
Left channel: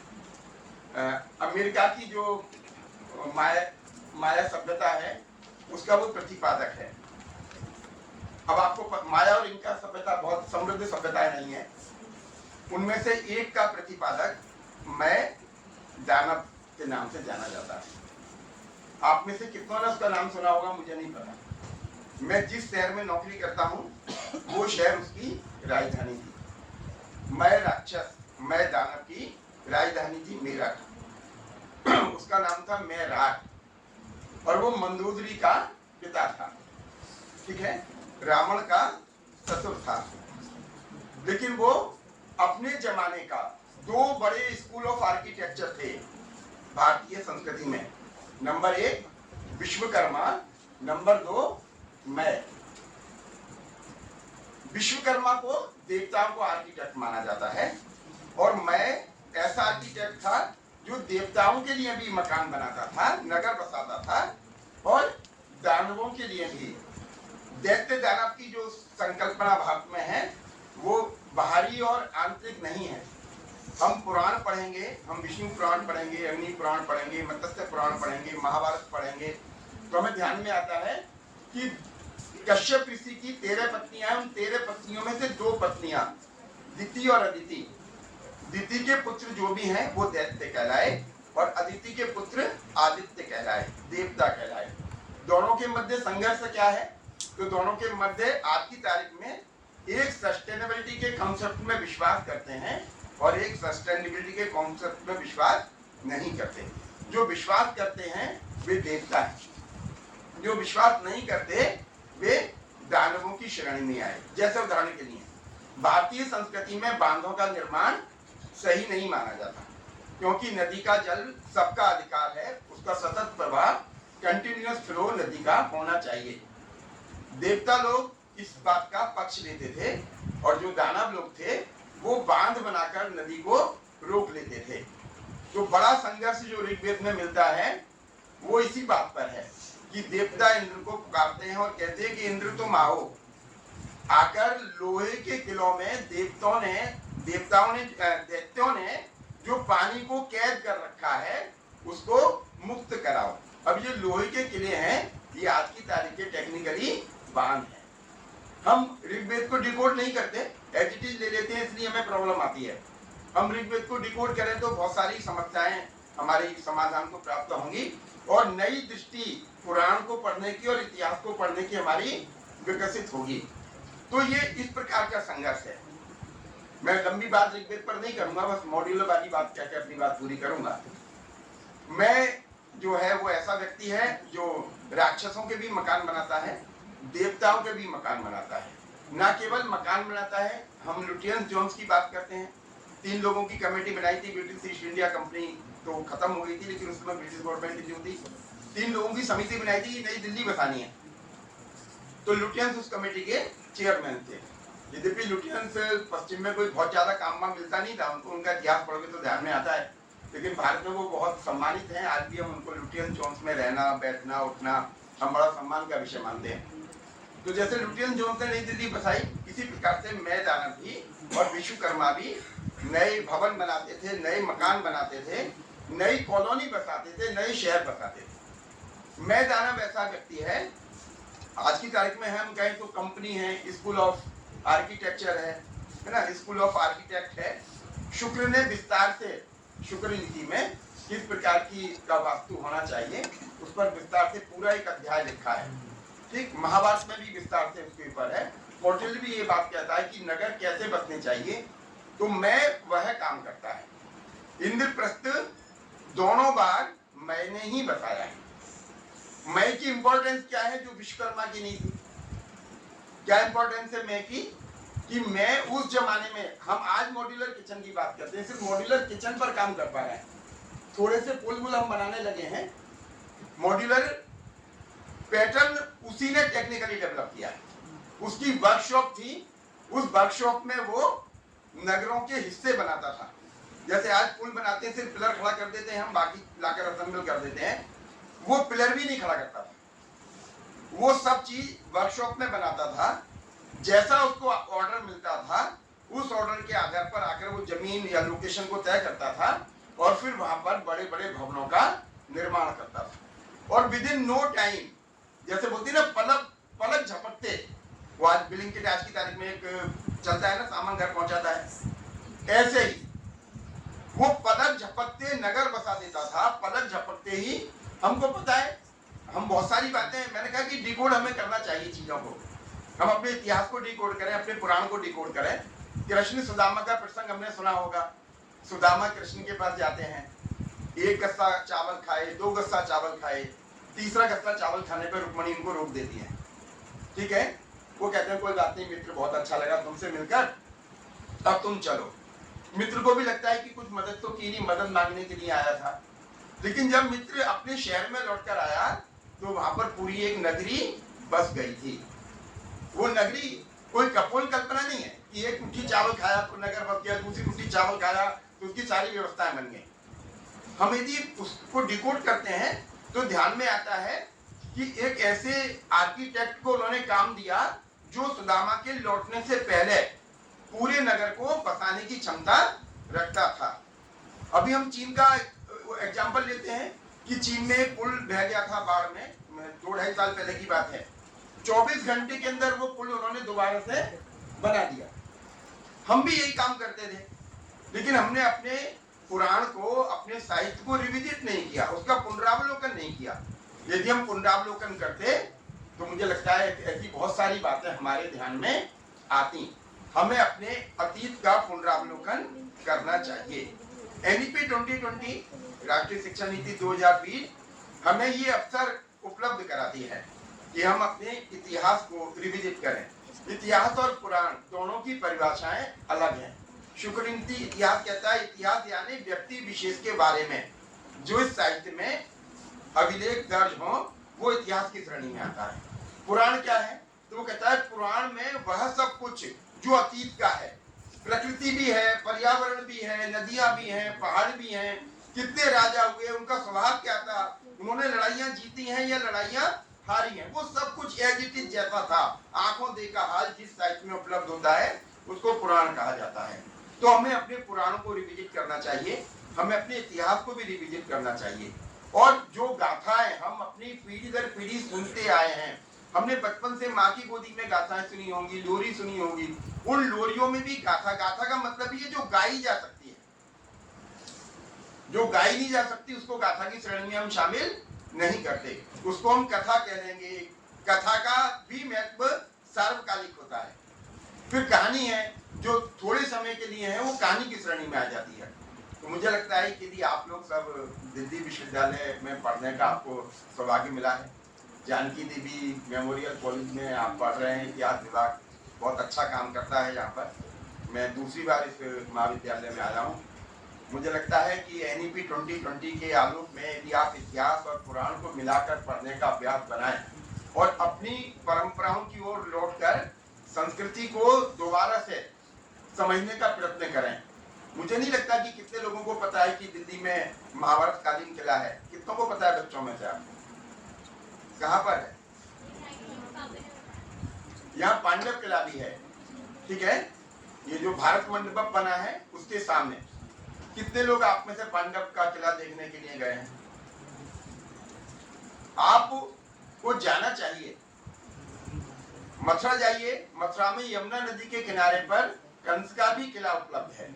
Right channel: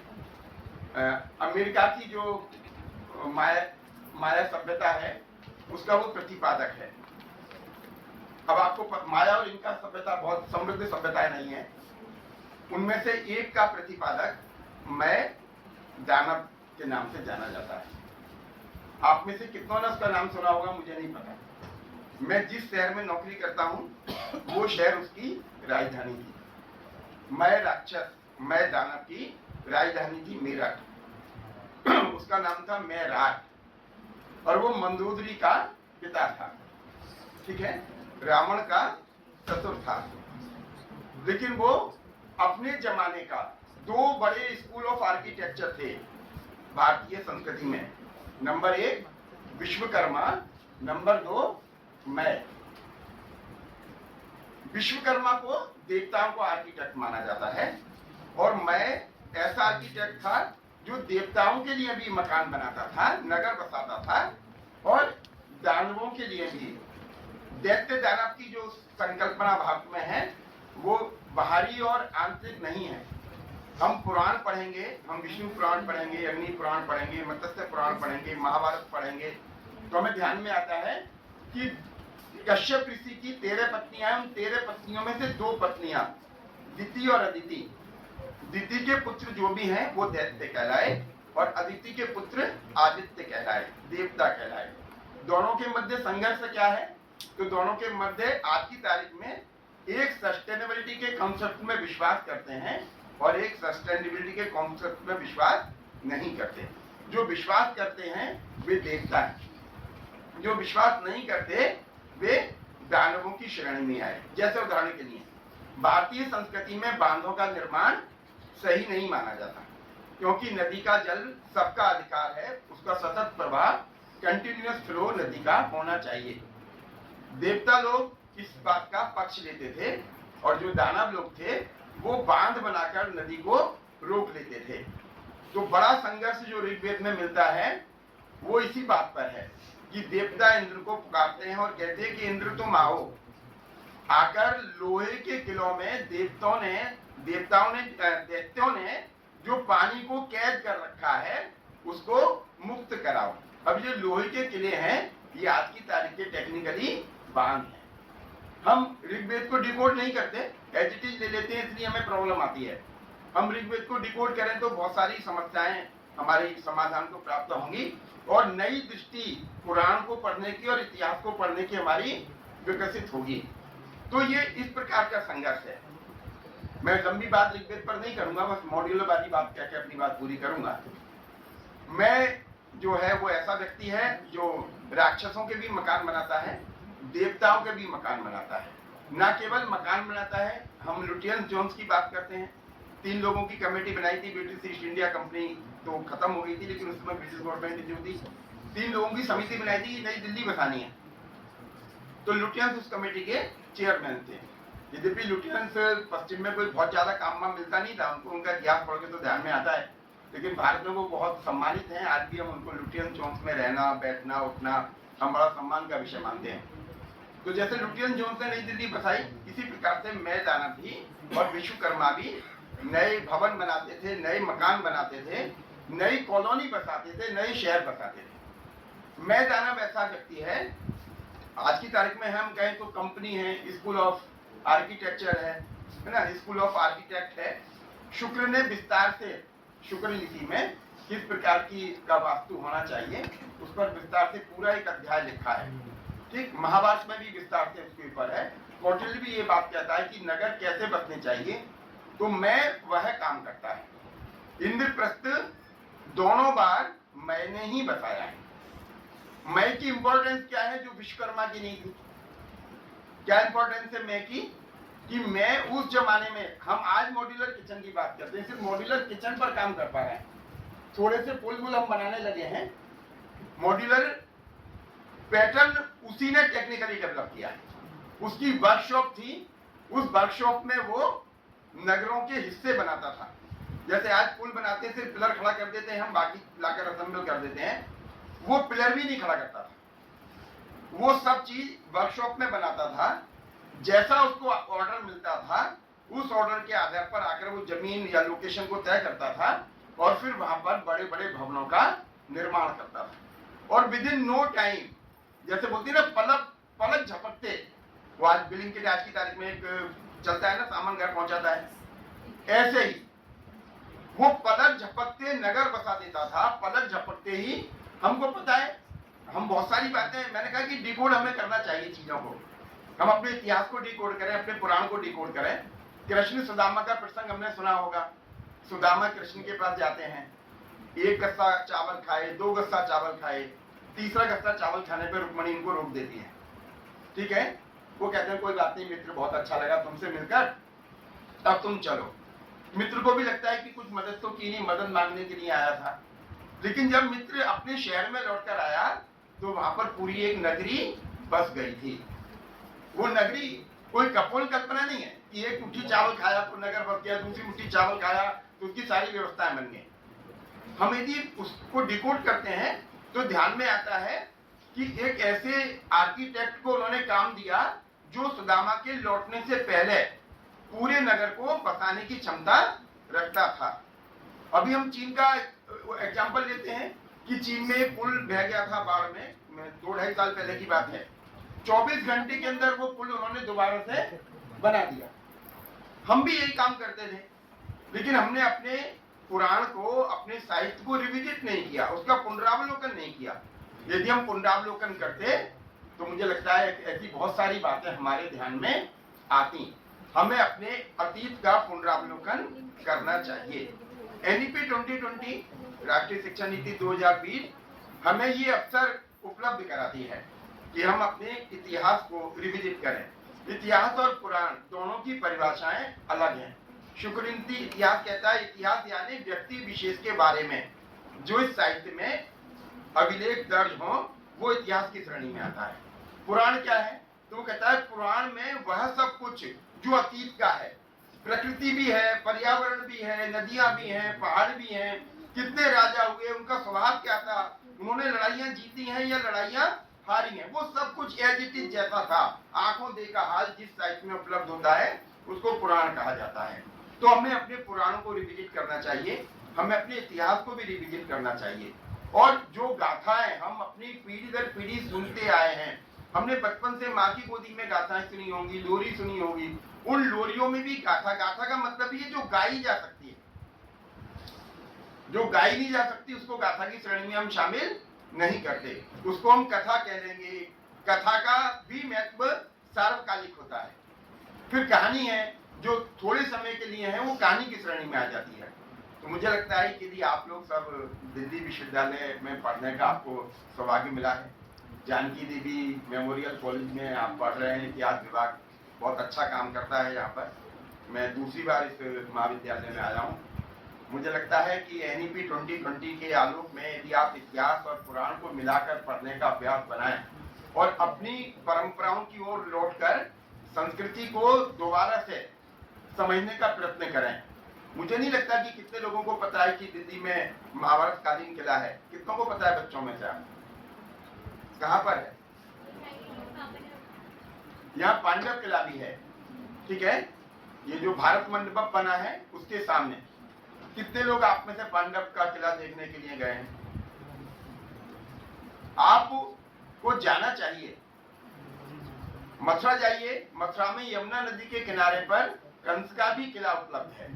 अमेरिका की जो माया सभ्यता है उसका वो प्रतिपादक है। अब आपको माया और इनका सभ्यता बहुत समृद्ध सभ्यताएं नहीं है, उनमें से एक का प्रतिपादक मैं दानव के नाम से जाना जाता है। आप में से कितनों ने उसका नाम सुना होगा मुझे नहीं पता। मैं जिस शहर में नौकरी करता हूँ वो शहर उसकी राजधानी थी। मैं राक्षस, मैं दानव की राजधानी थी मेरठ। उसका नाम था मेराट और वो मंदोदरी का पिता था, ठीक है, रावण का ससुर था। लेकिन वो अपने जमाने का दो बड़े स्कूल ऑफ आर्किटेक्चर थे भारतीय संस्कृति में। नंबर 1 विश्वकर्मा, नंबर 2 मैं। विश्वकर्मा को देवताओं को आर्किटेक्ट माना जाता है और मैं ऐसा आर्किटेक्ट था जो देवताओं के लिए भी मकान बनाता था, नगर बसाता था और दानवों के लिए भी। दैत्य दानव की जो संकल्पना भारत में है वो बाहरी और आंतरिक नहीं है। हम पुराण पढ़ेंगे, हम विष्णु पुराण पढ़ेंगे, अग्नि पुराण पढ़ेंगे, मत्स्य पुराण पढ़ेंगे, महाभारत पढ़ेंगे, तो हमें ध्यान में आता है कि कश्यप ऋषि की 13 पत्नियां हैं। उन 13 पत्नियों में से 2 पत्नियां दिति और अदिति। दिति के पुत्र जो भी हैं वो दैत्य कहलाए और अदिति के पुत्र आदित्य कहलाए, देवता कहलाए। दोनों के मध्य संघर्ष क्या है? तो दोनों के मध्य आज की तारीख में एक सस्टेनेबिलिटी के कॉन्सेप्ट में विश्वास करते हैं और एक सस्टेनेबिलिटी के कॉन्सेप्ट में विश्वास नहीं करते। जो विश्वास करते हैं वे देवता हैं, जो विश्वास नहीं करते वे दानवों की श्रेणी में आए। जैसे उदाहरण के लिए भारतीय संस्कृति में बांधों का निर्माण सही नहीं माना जाता, क्योंकि नदी का जल सबका अधिकार है, उसका सतत प्रवाह, कंटिन्यूअस फ्लो नदी का होना चाहिए। देवता लोग इस बात का पक्ष लेते थे और जो दानव लोग थे वो बांध बनाकर नदी को रोक लेते थे। तो बड़ा संघर्ष जो ऋग्वेद में मिलता है वो इसी बात पर है कि देवता इंद्र को पुकारते हैं और कहते हैं कि इंद्र तुम आओ। आकर लोहे के किलों में दैत्यों ने जो पानी को कैद कर रखा है उसको मुक्त कराओ। अब ये लोहे के किले हैं, ये आज की तारीख के टेक्निकली बांध है। हम ऋग्वेद को डिकोड नहीं करते, एज इट इज ले लेते हैं, इसलिए हमें प्रॉब्लम आती है। हम ऋग्वेद को डिकोड करें तो बहुत सारी समस्याएं हमारे समाधान को प्राप्त होंगी और नई दृष्टि पुराण को पढ़ने की और इतिहास को पढ़ने की हमारी विकसित होगी। तो ये इस प्रकार का संघर्ष है। मैं लंबी बात ऋग्वेद पर नहीं करूंगा, बस मॉड्यूलर वाली बात कह के अपनी बात पूरी करूंगा। मैं जो है वो ऐसा व्यक्ति है जो राक्षसों के भी मकान बनाता है, देवताओं के भी मकान बनाता है। ना केवल मकान बनाता है, हम लुटियंस जोन्स की बात करते हैं। 3 लोगों की कमेटी बनाई थी, ब्रिटिश ईस्ट इंडिया कंपनी तो खत्म हो गई थी, लेकिन उसमें ब्रिटिश गवर्नमेंट जो थी 3 लोगों की समिति बनाई थी कि नई दिल्ली बसानी है। तो लुटियंस उस कमेटी के चेयरमैन थे। यद्यपि लुटियंस पश्चिम में कोई बहुत ज्यादा काम मिलता नहीं था उनको, उनका इतिहास पढ़ोगे तो ध्यान में आता है, लेकिन भारत में वो बहुत सम्मानित हैं। आज भी हम उनको लुटियंस जोन्स में रहना, बैठना, उठना हम बड़ा सम्मान का विषय मानते हैं। तो जैसे लुटियंस जोन्स ने नई दिल्ली बसाई, इसी प्रकार से मैं दानव भी और विश्वकर्मा भी नए भवन बनाते थे, नए मकान बनाते थे, नई कॉलोनी बसाते थे, नए शहर बसाते थे। मैं दानव ऐसा व्यक्ति है, आज की तारीख में हम कहें तो कंपनी है, स्कूल ऑफ आर्किटेक्चर है ना, स्कूल ऑफ आर्किटेक्ट है। शुक्र ने विस्तार से शुक्र नीति में किस प्रकार की का वास्तु होना चाहिए उस पर विस्तार से पूरा एक अध्याय लिखा है। ठीक, महाभारत में भी विस्तार से उसके ऊपर है। कौटिल्य भी ये बात कहता है कि नगर कैसे बसने चाहिए, तो मैं वह काम करता है। इंद्रप्रस्थ दोनों बार मैंने ही बताया है। मैं की इंपॉर्टेंस क्या है जो विश्वकर्मा की नहीं थी? क्या इंपॉर्टेंस है मैं की? कि मैं उस जमाने में, हम आज मॉड्यूलर किचन की बात करते हैं, सिर्फ मॉड्यूलर किचन पर काम कर पा रहे हैं, थोड़े से पुल बुल हम बनाने लगे हैं। मॉड्यूलर पैटर्न उसी ने टेक्निकली डेवलप किया है। उसकी वर्कशॉप थी, उस वर्कशॉप में वो नगरों के हिस्से बनाता था। जैसे आज पुल बनाते हैं, सिर्फ पिलर खड़ा कर देते हैं, हम बाकी लाकर असेंबल कर देते हैं, वो पिलर भी नहीं खड़ा करता था, वो सब चीज वर्कशॉप में बनाता था। जैसा उसको ऑर्डर मिलता था, उस ऑर्डर के आधार पर आकर वो जमीन या लोकेशन को तय करता था और फिर वहां पर बड़े बड़े भवनों का निर्माण करता था। और विद इन नो टाइम, जैसे बोलती ना पलक पलक झपकते, वो आज बिलिंग के आज की तारीख में एक चलता है ना, सामान घर पहुंचाता है, ऐसे ही वो पलक झपकते नगर बसा देता था। पलक झपकते ही हमको पता है, हम बहुत सारी बातें, मैंने कहा कि डिकोड हमें करना चाहिए चीजों को, हम अपने इतिहास को डिकोड करें, अपने पुराण को डिकोड करें। कृष्ण सुदामा का प्रसंग हमने सुना होगा। सुदामा कृष्ण के पास जाते हैं, एक गस्सा चावल खाए, 2 गस्सा चावल खाए, तीसरा गस्सा चावल खाने पर रुक्मणी इनको रोक देती है। ठीक है, वो कहते हैं कोई बात नहीं मित्र, बहुत अच्छा लगा तुमसे मिलकर, अब तुम चलो। मित्र को भी लगता है कि कुछ मदद तो की नहीं, मदद मांगने के लिए आया था। लेकिन जब मित्र अपने शहर में लौटकर आया तो वहां पर पूरी एक नगरी बस गई थी। वो नगरी कोई कपोल कल्पना नहीं है कि एक मुट्ठी चावल खाया तो नगर बस गया, दूसरी मुट्ठी चावल खाया तो उसकी सारी व्यवस्थाएं बन गई। हम यदि उसको डिकोड करते हैं तो ध्यान में आता है कि एक ऐसे आर्किटेक्ट को उन्होंने काम दिया जो सुदामा के लौटने से पहले पूरे नगर को बसाने की क्षमता रखता था। अभी हम चीन का एग्जाम्पल लेते हैं कि चीन में एक पुल बह गया था बाढ़ में, 2-2.5 साल पहले की बात है। 24 घंटे के अंदर वो पुल उन्होंने दोबारा से बना दिया। हम भी यही काम करते थे, लेकिन हमने अपने पुराण को, अपने साहित्य को रिविजिट नहीं किया, उसका पुनरावलोकन नहीं किया। यदि हम पुनरावलोकन करते तो मुझे लगता है ऐसी बहुत सारी बातें हमारे ध्यान में आती। हमें अपने अतीत का पुनरावलोकन करना चाहिए। एनईपी 2020 राष्ट्रीय शिक्षा नीति 2020 हमें ये अवसर उपलब्ध कराती है कि हम अपने इतिहास को रिविजिट करें। इतिहास और पुराण दोनों की परिभाषाएं अलग हैं। शुक्लनीति इतिहास कहता है इतिहास यानी व्यक्ति विशेष के बारे में जो इस साहित्य में अभिलेख दर्ज हो, वो इतिहास की श्रेणी में आता है। पुराण क्या है? तो वो कहता है पुराण में वह सब कुछ जो अतीत का है, प्रकृति भी है, पर्यावरण भी है, नदियां भी हैं, पहाड़ भी हैं, कितने राजा हुए, उनका स्वभाव क्या था, उन्होंने लड़ाइयां जीती हैं या लड़ाइयां हारी हैं, वो सब कुछ एज इट इज जैसा था, आंखों देखा हाल जिस साहित्य में उपलब्ध होता है उसको पुराण कहा जाता है। तो हमें अपने पुराणों को रिविजिट करना चाहिए, हमें अपने इतिहास को भी रिविजिट करना चाहिए। और जो गाथाएं हम अपनी पीढ़ी दर पीढ़ी सुनते आए हैं, हमने बचपन से माँ की गोदी में गाथाएं सुनी होंगी, लोरी सुनी होगी, उन लोरियों में भी गाथा, गाथा का मतलब ये जो गाई जा सकती है, जो गाई नहीं जा सकती उसको गाथा की श्रेणी में हम शामिल नहीं करते, उसको हम कथा कह देंगे। कथा का भी महत्व सार्वकालिक होता है। फिर कहानी है जो थोड़े समय के लिए है, वो कहानी की श्रेणी में आ जाती है। तो मुझे लगता है कि यदि आप लोग सब दिल्ली विश्वविद्यालय में पढ़ने का आपको सौभाग्य मिला है, जानकी देवी मेमोरियल कॉलेज में आप पढ़ रहे हैं, इतिहास विभाग बहुत अच्छा काम करता है यहाँ पर। मैं दूसरी बार इस महाविद्यालय में आया हूँ। मुझे लगता है कि एनईपी 2020 के आलोक में यदि आप इतिहास और पुराण को मिलाकर पढ़ने का अभ्यास बनाएं और अपनी परंपराओं की ओर लौटकर संस्कृति को दोबारा से समझने का प्रयत्न करें। मुझे नहीं लगता कि कितने लोगों को पता है कि दिल्ली में महाभारत कालीन किला है। कितनों को पता है बच्चों में से? आप कहाँ पर है? यहाँ पांडव किला भी है। ठीक है, ये जो भारत मंडपम बना है उसके सामने। कितने लोग आप में से पांडव का किला देखने के लिए गए हैं? आपको जाना चाहिए, मथुरा जाइए, मथुरा में यमुना नदी के किनारे पर कंस का भी किला उपलब्ध है,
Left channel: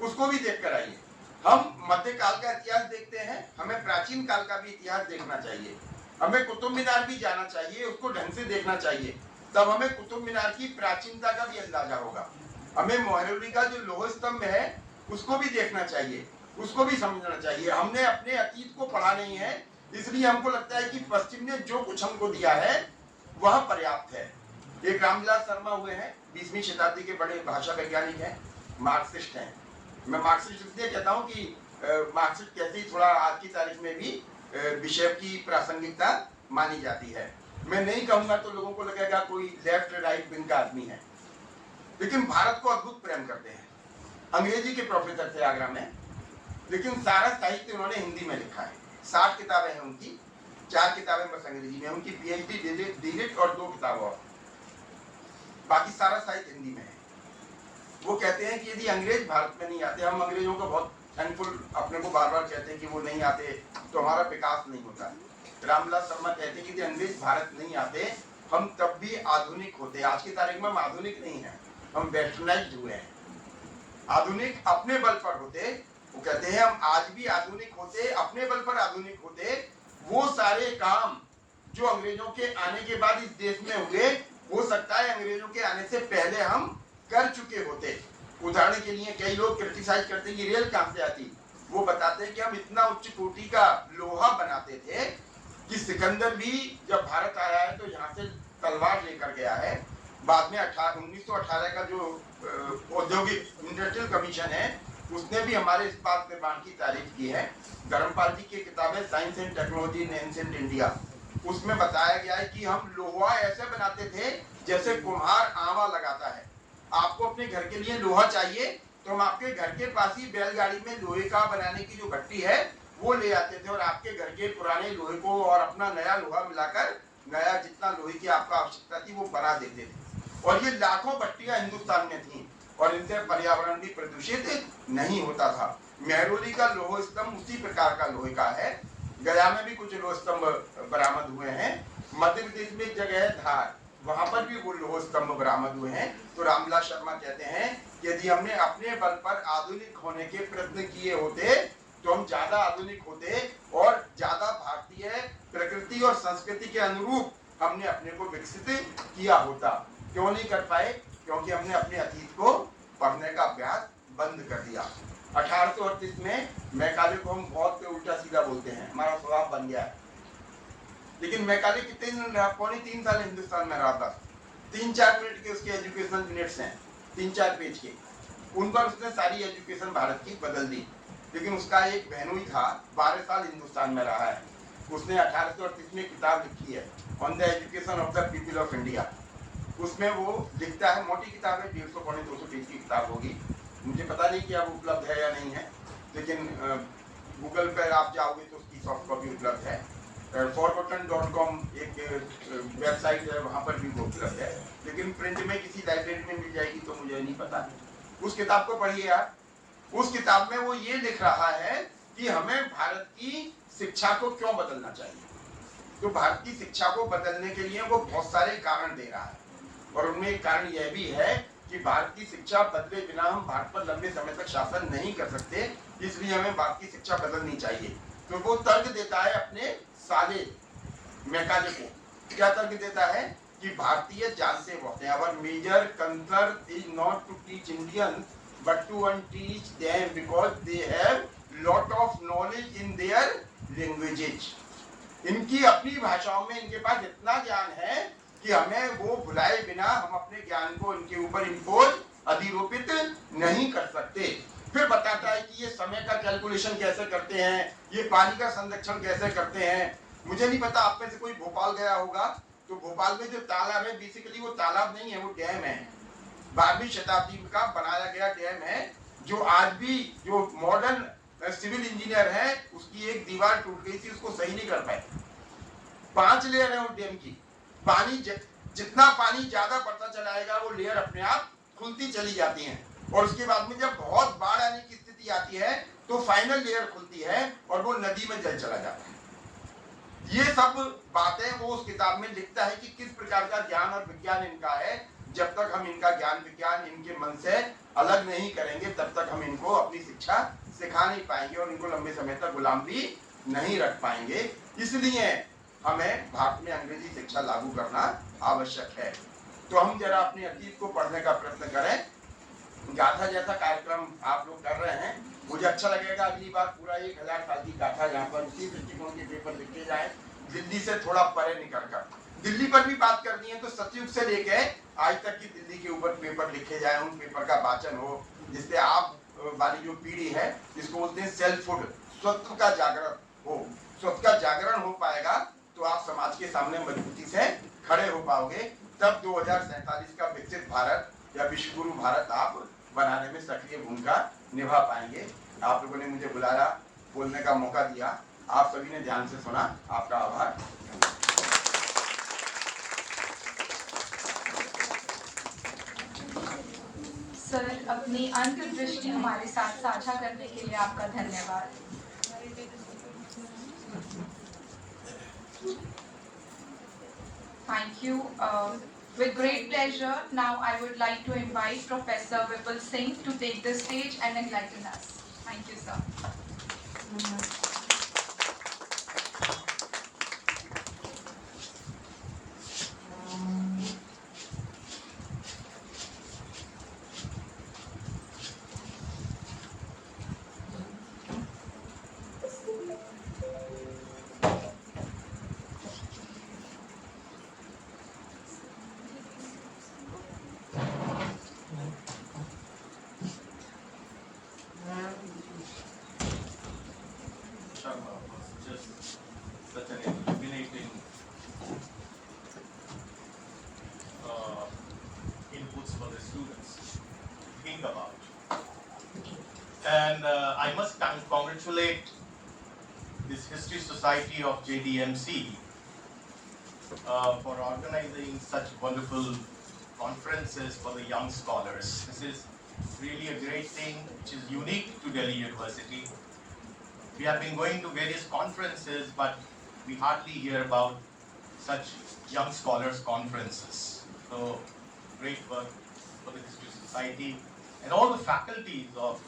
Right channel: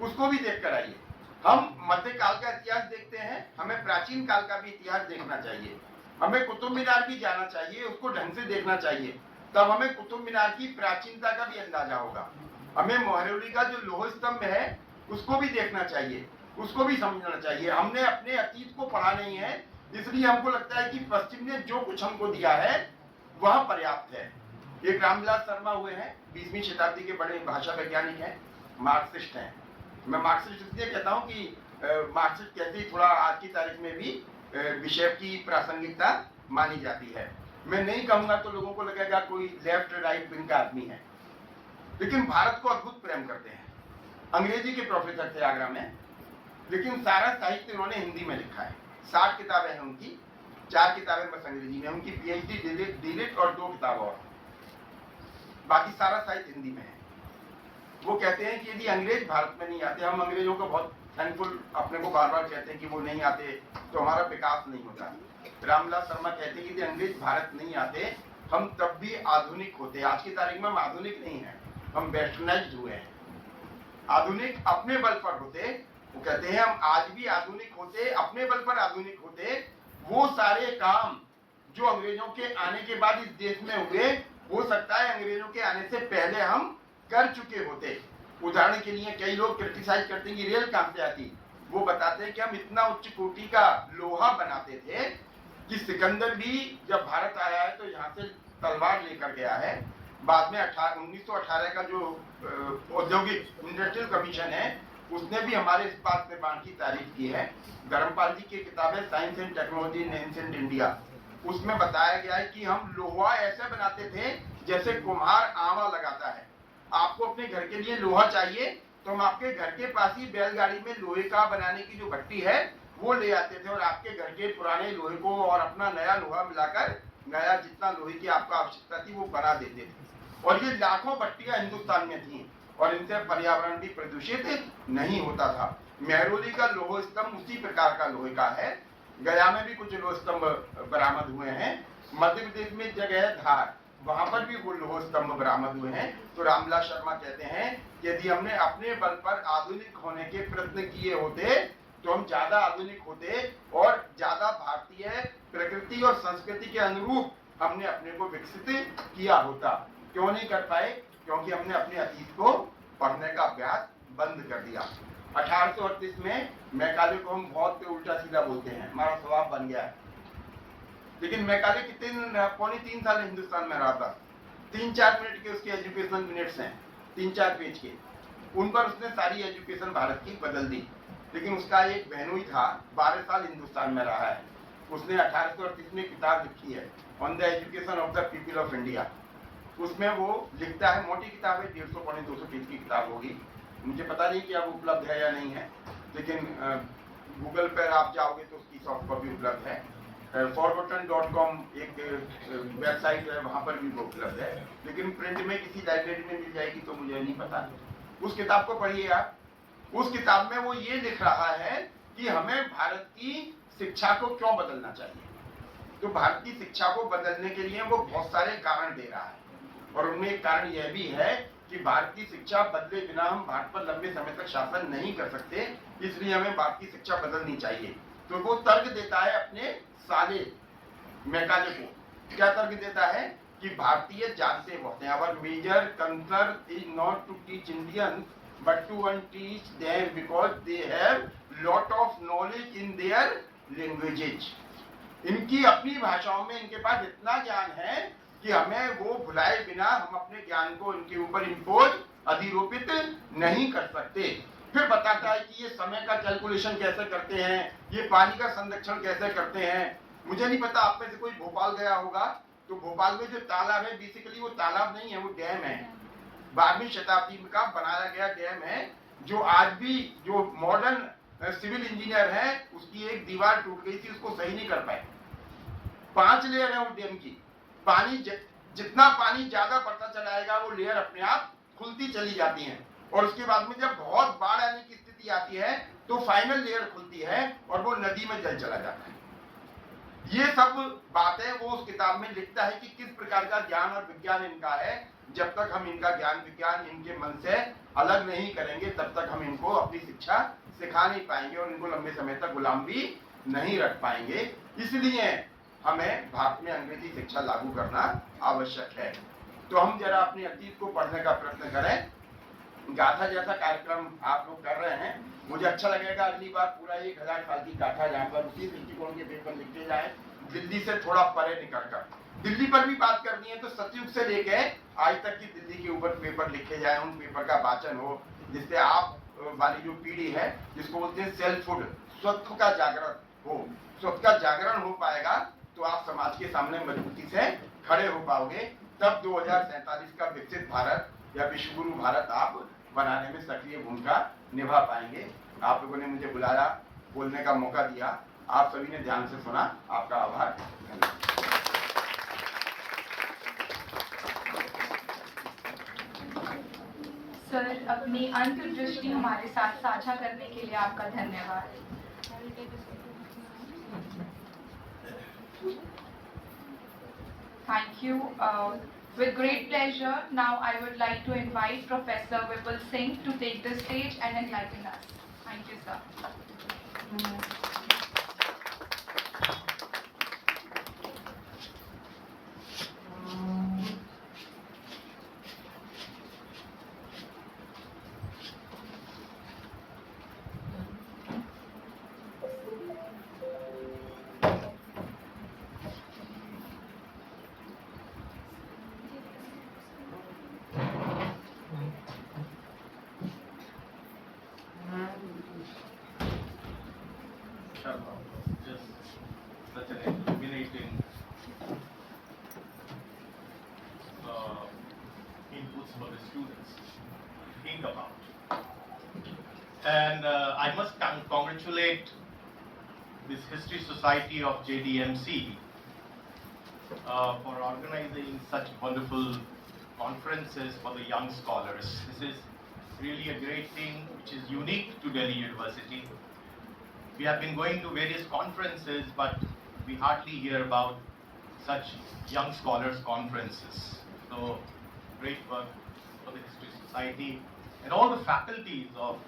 उसको भी देख कर आइए। हम मध्यकाल का इतिहास देखते हैं, हमें प्राचीन काल का भी इतिहास देखना चाहिए। हमें कुतुब मीनार भी जाना चाहिए, उसको ढंग से देखना चाहिए, तब हमें कुतुब मीनार की प्राचीनता का भी अंदाजा होगा। हमें मोहरोली का जो लोह स्तंभ है उसको भी देखना चाहिए, उसको भी समझना चाहिए। हमने अपने अतीत को पढ़ा नहीं है, इसलिए हमको लगता है कि पश्चिम ने जो कुछ हमको दिया है वह पर्याप्त है। एक रामविलास शर्मा हुए हैं, 20वीं शताब्दी के बड़े भाषा वैज्ञानिक हैं, मार्क्सिस्ट हैं। मैं मार्क्सिस्ट इसलिए कहता हूँ कि मार्क्सिस्ट कहते ही थोड़ा आज की तारीख में भी विषय की प्रासंगिकता मानी जाती है। मैं नहीं कहूँगा तो लोगों को लगेगा कोई लेफ्ट राइट विंग का आदमी है, लेकिन भारत को अद्भुत प्रेम करते हैं। अंग्रेजी के प्रोफेसर थे आगरा में, लेकिन सारा साहित्य उन्होंने हिंदी में लिखा है। 60 किताबें हैं उनकी, 4 किताबें बस अंग्रेजी में, उनकी पीएचडी डीलिट और 2 किताब और, बाकी सारा साहित्य हिंदी में है। वो कहते हैं कि यदि अंग्रेज भारत में नहीं आते, हम अंग्रेजों को बहुत थैंकफुल अपने को बार बार कहते हैं कि वो नहीं आते तो हमारा विकास नहीं होता। रामविलास शर्मा कहते हैं कि यदि अंग्रेज भारत नहीं आते हम तब भी आधुनिक होते। आज की तारीख में हम आधुनिक नहीं हैं, हम वेस्टर्नाइज्ड हुए हैं। आधुनिक अपने बल पर होते, वो कहते हैं हम आज भी आधुनिक होते, अपने बल पर आधुनिक होते, वो सारे काम जो अंग्रेजों के आने के बाद इस देश में हुए, हो सकता है अंग्रेजों के आने से पहले हम कर चुके होते। उदाहरण के लिए कई लोग क्रिटिसाइज करते हैं कि रेल कहां से आती, वो बताते हैं कि हम इतना उच्च कोटि का लोहा बनाते थे कि सिकंदर भी जब भारत आया है तो यहाँ से तलवार लेकर गया है। बाद में 1918 का जो औद्योगिक इंडस्ट्रियल कमीशन है उसने भी हमारे इस्पात निर्माण की तारीफ की है। धर्मपाल जी की किताब है science and technology in ancient India, उसमें बताया गया है कि हम लोहा ऐसे बनाते थे जैसे कुम्हार आवा लगाता है। आपको अपने घर के लिए लोहा चाहिए तो हम आपके घर के पास ही बैलगाड़ी में लोहे का बनाने की जो भट्टी है वो ले आते थे और आपके घर के पुराने लोहे को और अपना नया लोहा मिलाकर नया जितना लोहे की आपको आवश्यकता थी वो बना देते थे। और ये लाखों भट्टियां हिंदुस्तान में थी और इनसे पर्यावरण भी प्रदूषित नहीं होता था। मेहरौली का लोह स्तंभ उसी प्रकार का लोहे का है। गया में भी कुछ लोह स्तंभ बरामद हुए हैं। मध्य प्रदेश में एक जगह है धार, वहां पर भी वो लोह स्तंभ बरामद हुए हैं। तो रामविलास शर्मा कहते हैं कि यदि हमने अपने बल पर आधुनिक होने के प्रयत्न किए होते तो हम ज्यादा आधुनिक होते और ज्यादा भारतीय प्रकृति और संस्कृति के अनुरूप हमने अपने को विकसित किया होता। क्यों नहीं कर पाए? क्योंकि हमने अपने अतीत को पढ़ने का अभ्यास बंद कर दिया। 1838 में मैकाले को हम बहुत उल्टा सीधा बोलते हैं, हमारा स्वभाव बन गया है। लेकिन मैकाले कितने दिन रहा? 3.25 साल हिंदुस्तान में रहा था। 3-4 मिनट के उसके एजुकेशन मिनट्स हैं, 3-4 पेज के, उन पर उसने सारी एजुकेशन भारत की बदल दी। लेकिन उसका एक बहनोई था, 12 साल हिंदुस्तान में रहा है। उसने 1838 में किताब लिखी है on the education of the people of India. उसमें वो लिखता है, मोटी किताब है, 150-200 पेज की किताब होगी, मुझे पता नहीं कि अब उपलब्ध है या नहीं है, लेकिन गूगल पर आप जाओगे तो उसकी सॉफ्ट कॉपी उपलब्ध है। forgotten.com एक वेबसाइट है, वहाँ पर भी वो उपलब्ध है, लेकिन प्रिंट में किसी लाइब्रेरी में मिल जाएगी तो मुझे नहीं पता। उस किताब को पढ़िए आप। उस किताब में वो ये लिख रहा है कि हमें भारत की शिक्षा को क्यों बदलना चाहिए। तो भारत की शिक्षा को बदलने के लिए वो बहुत सारे कारण दे रहा है और उनमें एक कारण यह भी है कि भारत की शिक्षा बदले बिना हम भारत पर लंबे समय तक शासन नहीं कर सकते, इसलिए हमें भारत की शिक्षा बदलनी चाहिए। तो वो तर्क देता है अपने साले मैकाले को। क्या तर्क देता है कि भारतीय जानते बहुत हैं, our major concern is not to teach Indians but to unteach them because they have lot of knowledge in their languages। इनकी अपनी भाषाओं में इनके पास इतना ज्ञान है कि हमें वो भुलाए बिना हम अपने ज्ञान को इनके ऊपर इम्पोज अधिरोपित नहीं कर सकते। फिर बताता है कि ये समय का कैलकुलेशन कैसे करते हैं, ये पानी का संरक्षण कैसे करते हैं। मुझे नहीं पता, आप में से कोई भोपाल गया होगा तो भोपाल में जो तालाब है बेसिकली वो तालाब नहीं है, वो डैम है। 12वीं शताब्दी का बनाया गया डैम है, जो आज भी जो मॉडर्न सिविल इंजीनियर है उसकी एक दीवार टूट गई थी, उसको सही नहीं कर पाए। 5 लेयर है वो डैम की। पानी जितना पानी ज्यादा बढ़ता चला जाएगा वो लेयर अपने आप खुलती चली जाती हैं और उसके बाद में जब बहुत बाढ़ आने की स्थिति आती है तो फाइनल लेयर खुलती है और वो नदी में जल चला जाता है। ये सब बातें वो उस किताब में लिखता है कि किस प्रकार का ज्ञान और विज्ञान इनका है। जब तक हम इनका ज्ञान विज्ञान इनके मन से अलग नहीं करेंगे तब तक हम इनको अपनी शिक्षा सिखा नहीं पाएंगे और इनको लंबे समय तक गुलाम भी नहीं रख पाएंगे। इसलिए हमें भारत में अंग्रेजी शिक्षा लागू करना आवश्यक है। तो हम जरा अपने अतीत को पढ़ने का प्रयत्न करें। गाथा जैसा कार्यक्रम आप लोग कर रहे हैं, मुझे अच्छा लगेगा अगली बार पूरा 1000 साल की गाथा यहाँ पर उसी दृष्टिकोण के पेपर लिखे जाए, दिल्ली से थोड़ा परे निकल कर। दिल्ली पर भी बात करनी है तो सतयुग से लेके आज तक की दिल्ली के ऊपर पेपर लिखे जाए, उन पेपर का वाचन हो, जिससे आप वाली जो पीढ़ी है जिसको बोलते हैं सेल्फहुड, स्वत्व का जागरण हो। स्वत्व का जागरण हो पाएगा तो आप समाज के सामने मजबूती से खड़े हो पाओगे। तब 2047 का विकसित भारत या विश्व गुरु भारत आप बनाने में सक्रिय भूमिका निभा पाएंगे। आप लोगों ने मुझे बुलाया, बोलने का मौका दिया, आप सभी ने ध्यान से सुना, आपका आभार। सर, अपनी अंतर्दृष्टि हमारे साथ साझा करने के लिए आपका धन्यवाद। Thank you. With great pleasure, now I would like to invite Professor Vipul Singh to take the stage and enlighten us. Thank you, sir. Sharma was just such an illuminating inputs for the students to think about. And I must congratulate this History Society of JDMC for organizing such wonderful conferences for the young scholars. This is really a great thing which is unique to Delhi University. We have been going to various conferences, but we hardly hear about such young scholars conferences. So, great work for the History Society and all the faculties of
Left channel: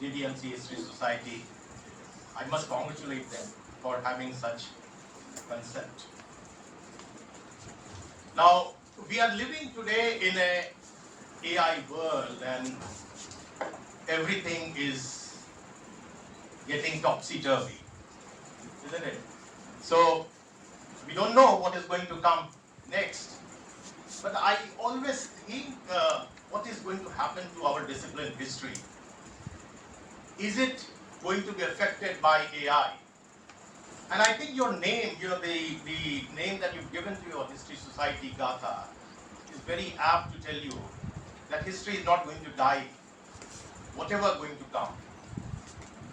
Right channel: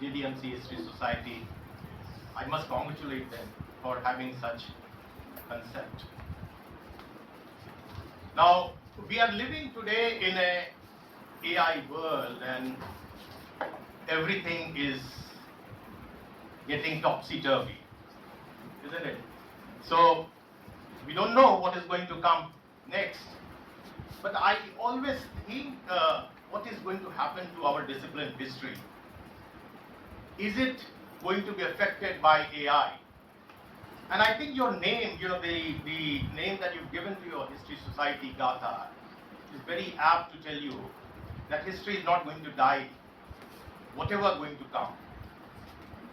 JDMC History Society. I must congratulate them for having such concept. Now, we are living today in a AI world, and everything is getting topsy-turvy, isn't it? So, we don't know what is going to come next. But I always think what is going to happen to our discipline history. Is it going to be affected by AI? And I think your name, the name that you've given to your History Society, Gatha, is very apt to tell you that history is not going to die, whatever going to come.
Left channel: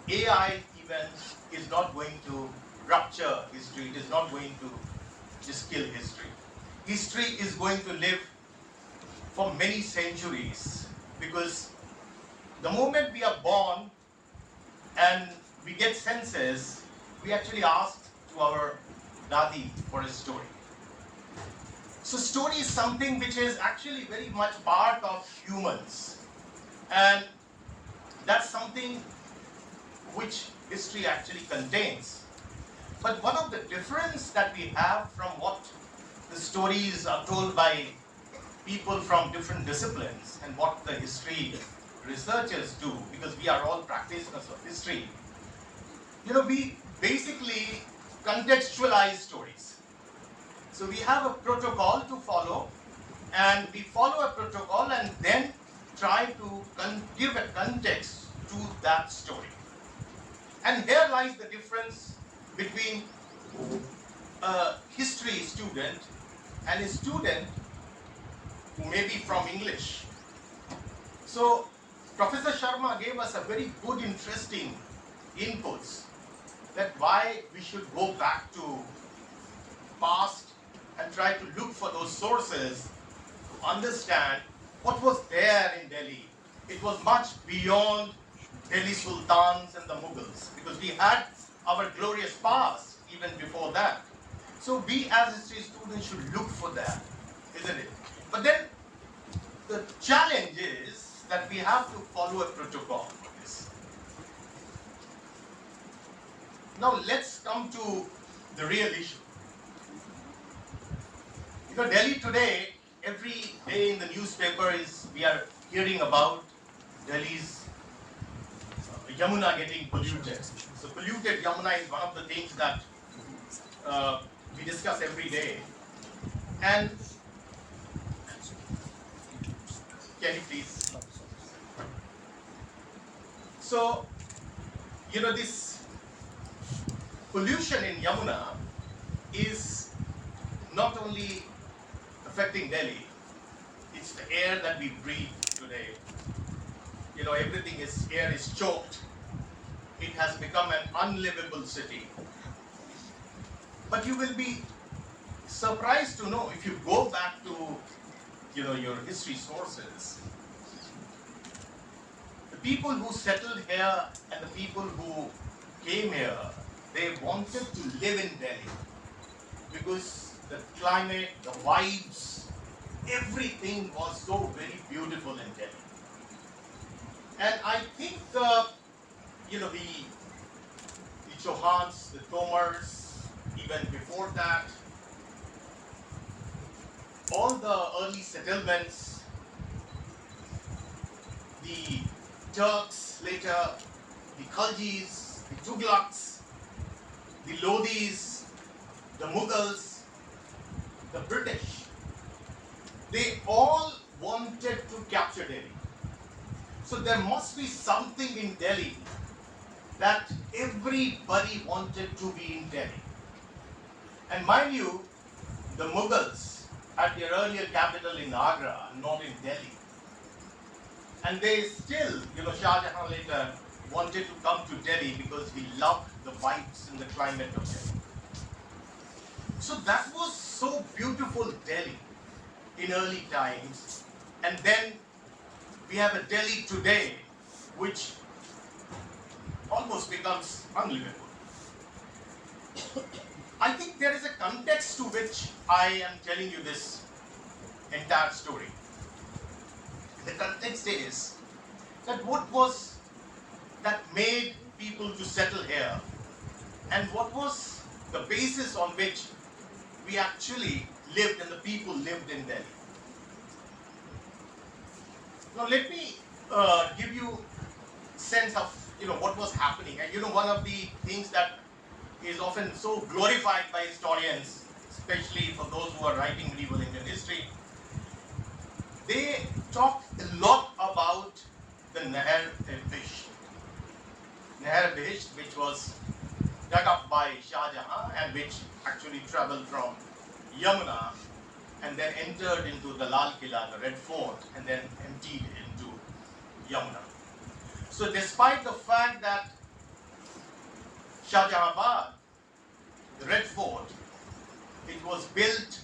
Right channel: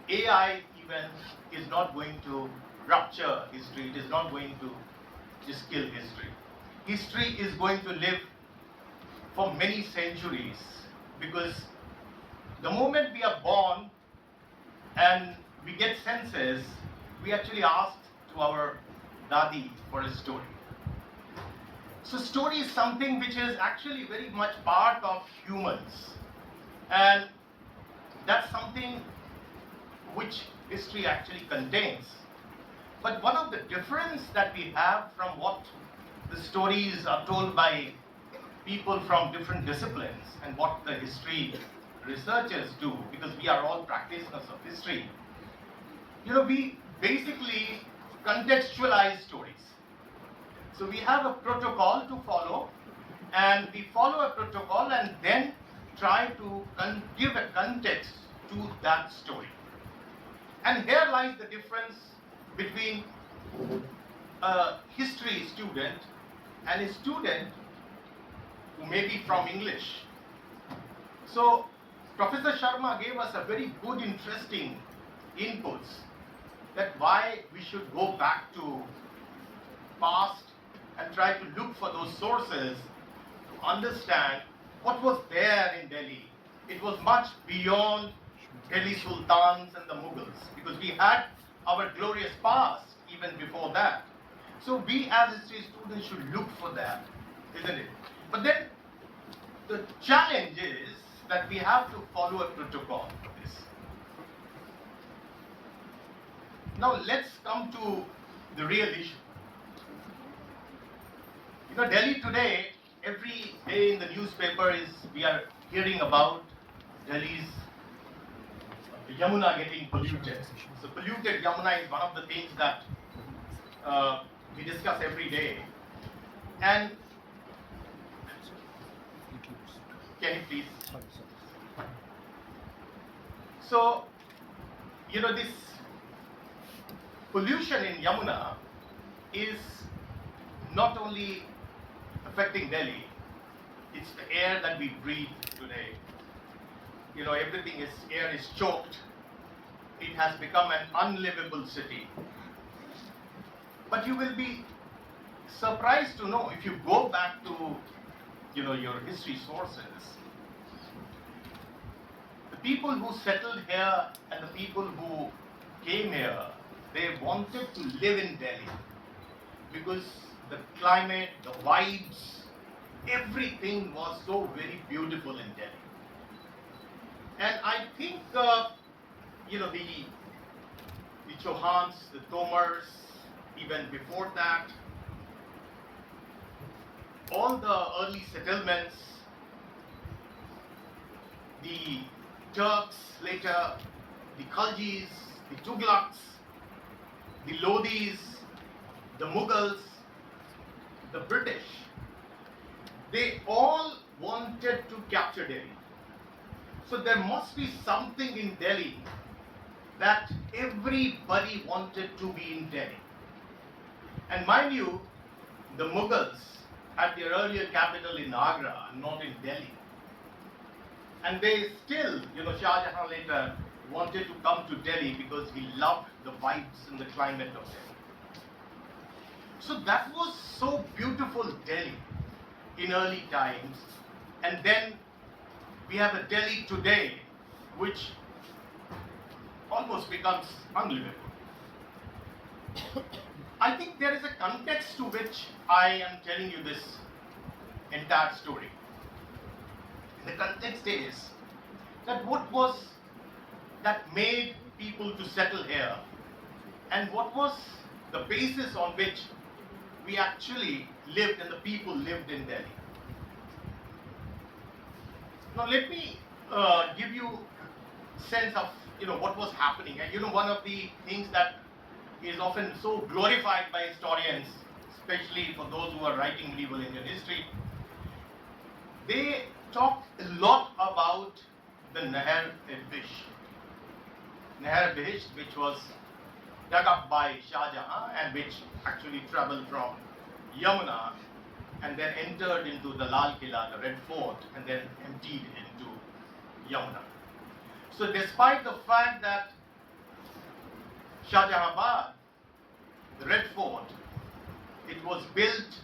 AI even is not going to rupture history, it is not going to just kill history. History is going to live for many centuries, because the moment we are born and we get senses, we actually ask to our Dadi for a story. So story is something which is actually very much part of humans, and that's something which history actually contains. But one of the difference that we have from what the stories are told by people from different disciplines and what the history researchers do, because we are all practitioners of history, we basically contextualize stories. So we have a protocol to follow, and we follow a protocol and then try to give a context to that story. And here lies the difference between a history student and a student who may be from English. So Professor Sharma gave us a very good, interesting inputs that why we should go back to past and try to look for those sources to understand what was there in Delhi. It was much beyond Delhi Sultans and the Mughals, because we had our glorious past even before that. So we as history students should look for that, isn't it? But then the challenge is that we have to follow a protocol for this. Now let's come to the real issue. Delhi today, every day in the newspaper we are hearing about Delhi's Yamuna getting polluted. So polluted Yamuna is one of the things that we discuss every day. And can you please? So, this pollution in Yamuna is not only affecting Delhi, it's the air that we breathe today. Air is choked. It has become an unlivable city. But you will be surprised to know, if you go back to your history sources, the people who settled here and the people who came here, they wanted to live in Delhi because the climate, the vibes, everything was so very beautiful in Delhi. And I think the Chauhans, the Tomars, even before that, all the early settlements, the Turks later, the Khaljis, the Tughlaqs, the Lodhis, the Mughals, the British, they all wanted to capture Delhi. So there must be something in Delhi that everybody wanted to be in Delhi. And mind you, the Mughals had their earlier capital in Agra, not in Delhi. And they still, Shah Jahan later wanted to come to Delhi because he loved the vibes and the climate of Delhi. So that was so beautiful, Delhi, in early times. And then we have a Delhi today which almost becomes unlivable. I think there is a context to which I am telling you this entire story. The context is that what was that made people to settle here, and what was the basis on which we actually lived and the people lived in Delhi. Now let me give you a sense of what was happening. And one of the things that is often so glorified by historians, especially for those who are writing medieval Indian history, they talk a lot about the Nahar-e-Bisht. Nahar-e-Bisht, which was dug up by Shah Jahan and which actually traveled from Yamuna and then entered into the Lal Killa, the Red Fort, and then emptied into Yamuna. So despite the fact that Shah Jahanabad, the Red Fort, it was built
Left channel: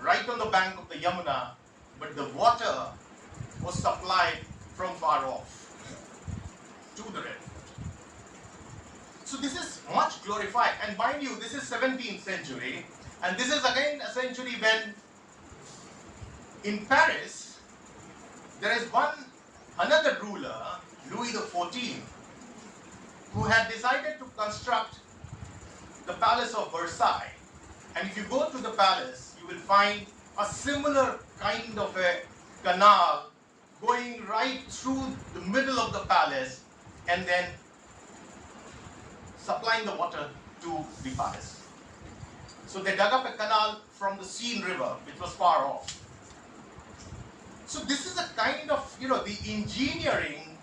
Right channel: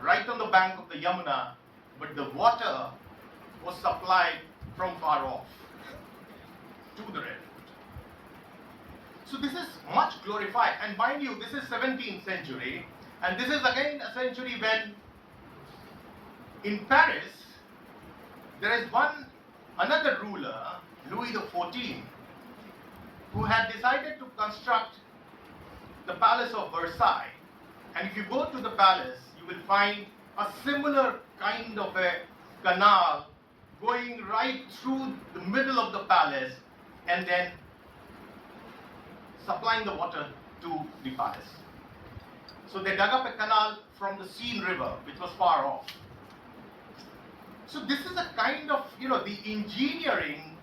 right on the bank of the Yamuna, but the water was supplied from far off to the Red Fort. So this is much glorified. And mind you, this is 17th century, and this is again a century when in Paris there is another ruler, Louis XIV, who had decided to construct the Palace of Versailles. And if you go to the palace, you will find a similar kind of a canal going right through the middle of the palace and then supplying the water to the palace. So they dug up a canal from the Seine River, which was far off. So this is a kind of, the engineering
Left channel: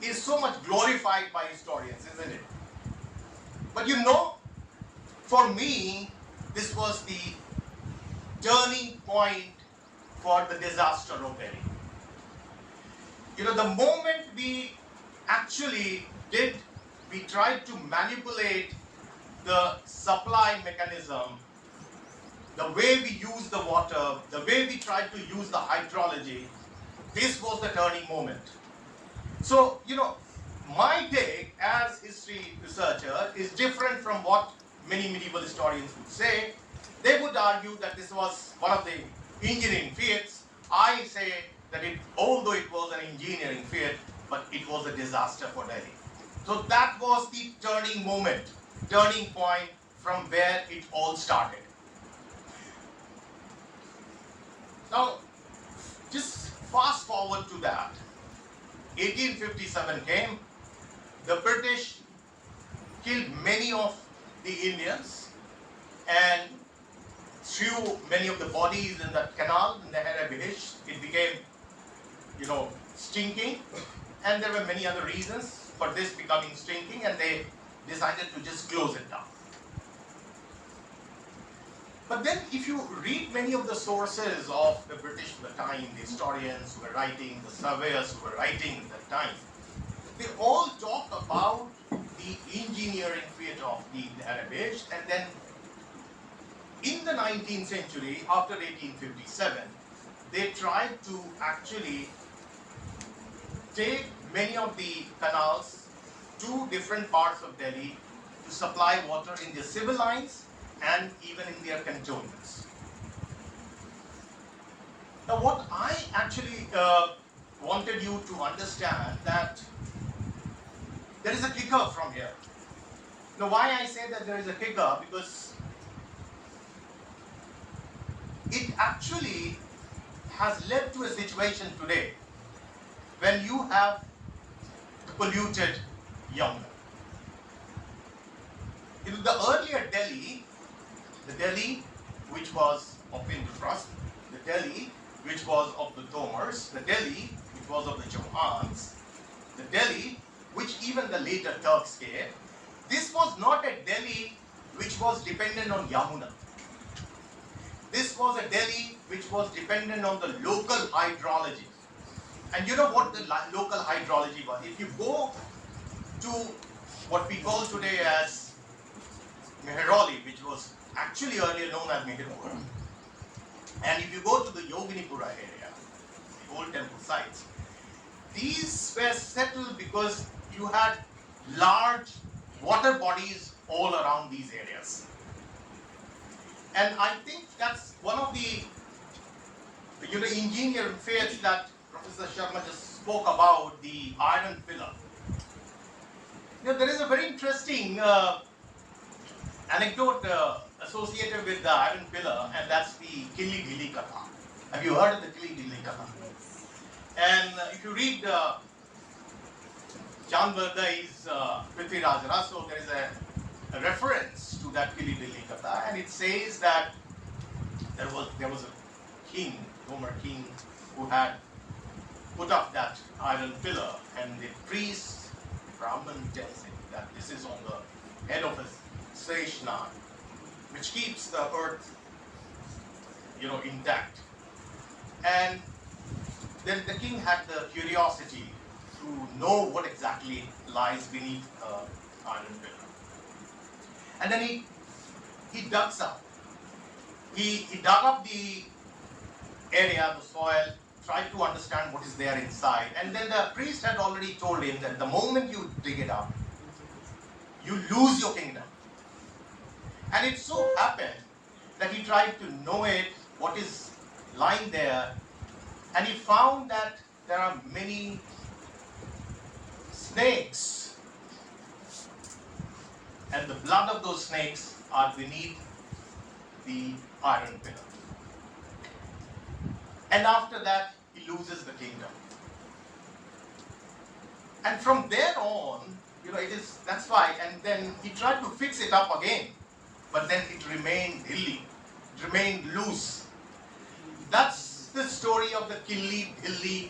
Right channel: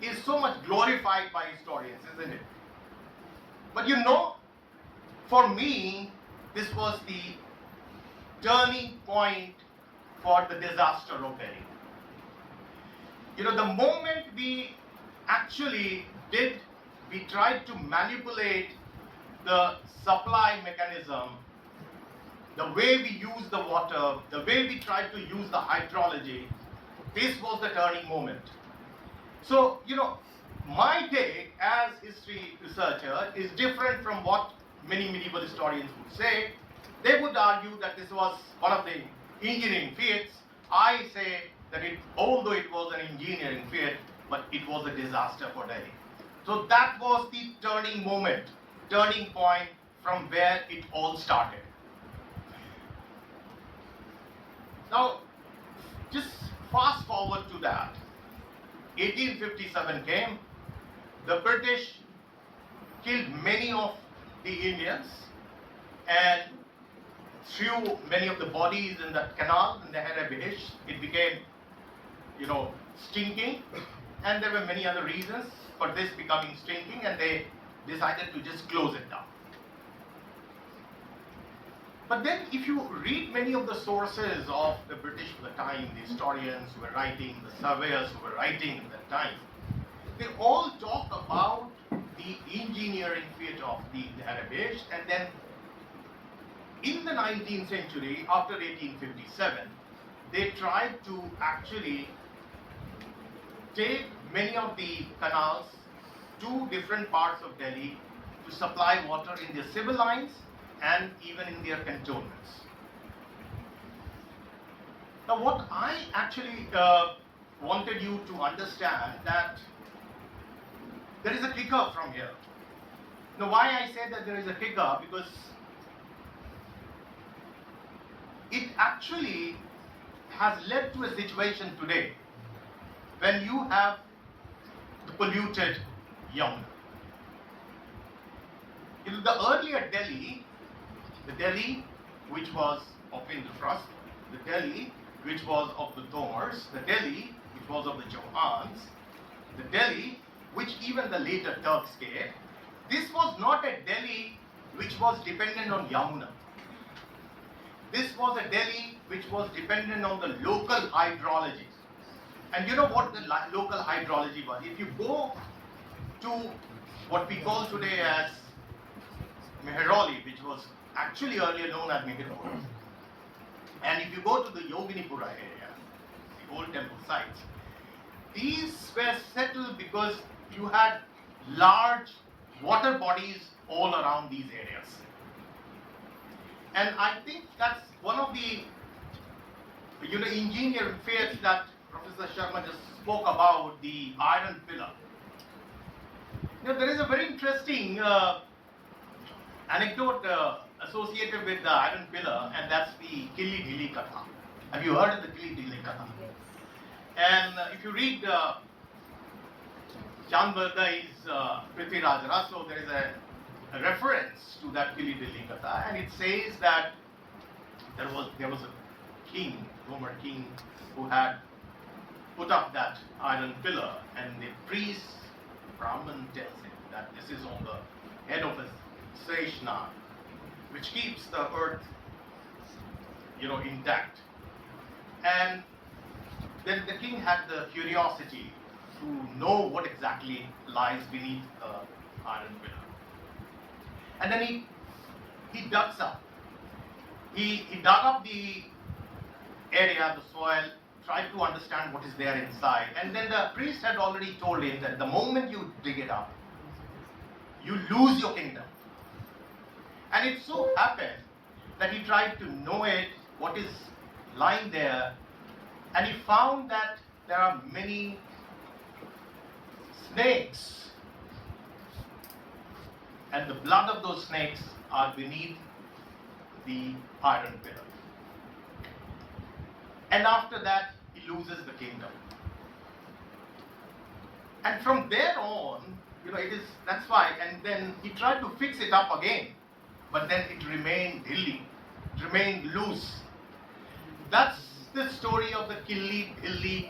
is so much glorified by historians, isn't it? But for me, this was the turning point for the disaster of Delhi. The moment we actually we tried to manipulate the supply mechanism, the way we use the water, the way we tried to use the hydrology, this was the turning moment. So, my take as history researcher is different from what many medieval historians would say. They would argue that this was one of the engineering feats. I say that although it was an engineering feat, but it was a disaster for Delhi. So that was the turning point from where it all started. Now, just fast forward to that. 1857 came, the British killed many of the Indians, and threw many of the bodies in that canal, in the Nehru-e-Behesht. It became, stinking, and there were many other reasons for this becoming stinking, and they decided to just close it down. But then if you read many of the sources of the British at the time, the historians who were writing, the surveyors who were writing at the time, they all talk about the engineering feat of the Nehru-e-Behesht, and then in the 19th century, after 1857, they tried to actually take many of the canals to different parts of Delhi to supply water in their civil lines and even in their cantonments. Now, what I actually wanted you to understand that there is a kicker from here. Now, why I say that there is a kicker? Because it actually has led to a situation today when you have polluted Yamuna. In the earlier Delhi, the Delhi which was of Indraprastha, the Delhi which was of the Tomars, the Delhi which was of the Chauhans, the Delhi which even the later Turks gave, this was not a Delhi which was dependent on Yamuna. This was a Delhi which was dependent on the local hydrology. And you know what the local hydrology was? If you go to what we call today as Mehrauli, which was actually earlier known as Meherpur, and if you go to the Yoginipura area, the old temple sites, these were settled because you had large water bodies all around these areas. And I think that's one of the engineering feats that Professor Sharma just spoke about, the iron pillar. There is a very interesting anecdote associated with the iron pillar, and that's the Kili Gili Katha. Have you heard of the Kili Gili Katha? And if you read Chand Bardai's Prithviraj Raso, there is a reference to that Kili Gili Katha, and it says that there was a king, Roman king, who had put up that iron pillar, and the priest, Brahman, tells him that this is on the head of his Sreshna, which keeps the earth, intact. And then the king had the curiosity to know what exactly lies beneath the iron pillar. And then he dug up. He dug up the area, the soil, tried to understand what is there inside. And then the priest had already told him that the moment you dig it up, you lose your kingdom. And it so happened that he tried to know it, what is lying there, and he found that there are many snakes, and the blood of those snakes are beneath the iron pillar. And after that, he loses the kingdom. And from there on, that's why, and then he tried to fix it up again, but then it remained hilly, it remained loose. That's the story of the Kili Hilli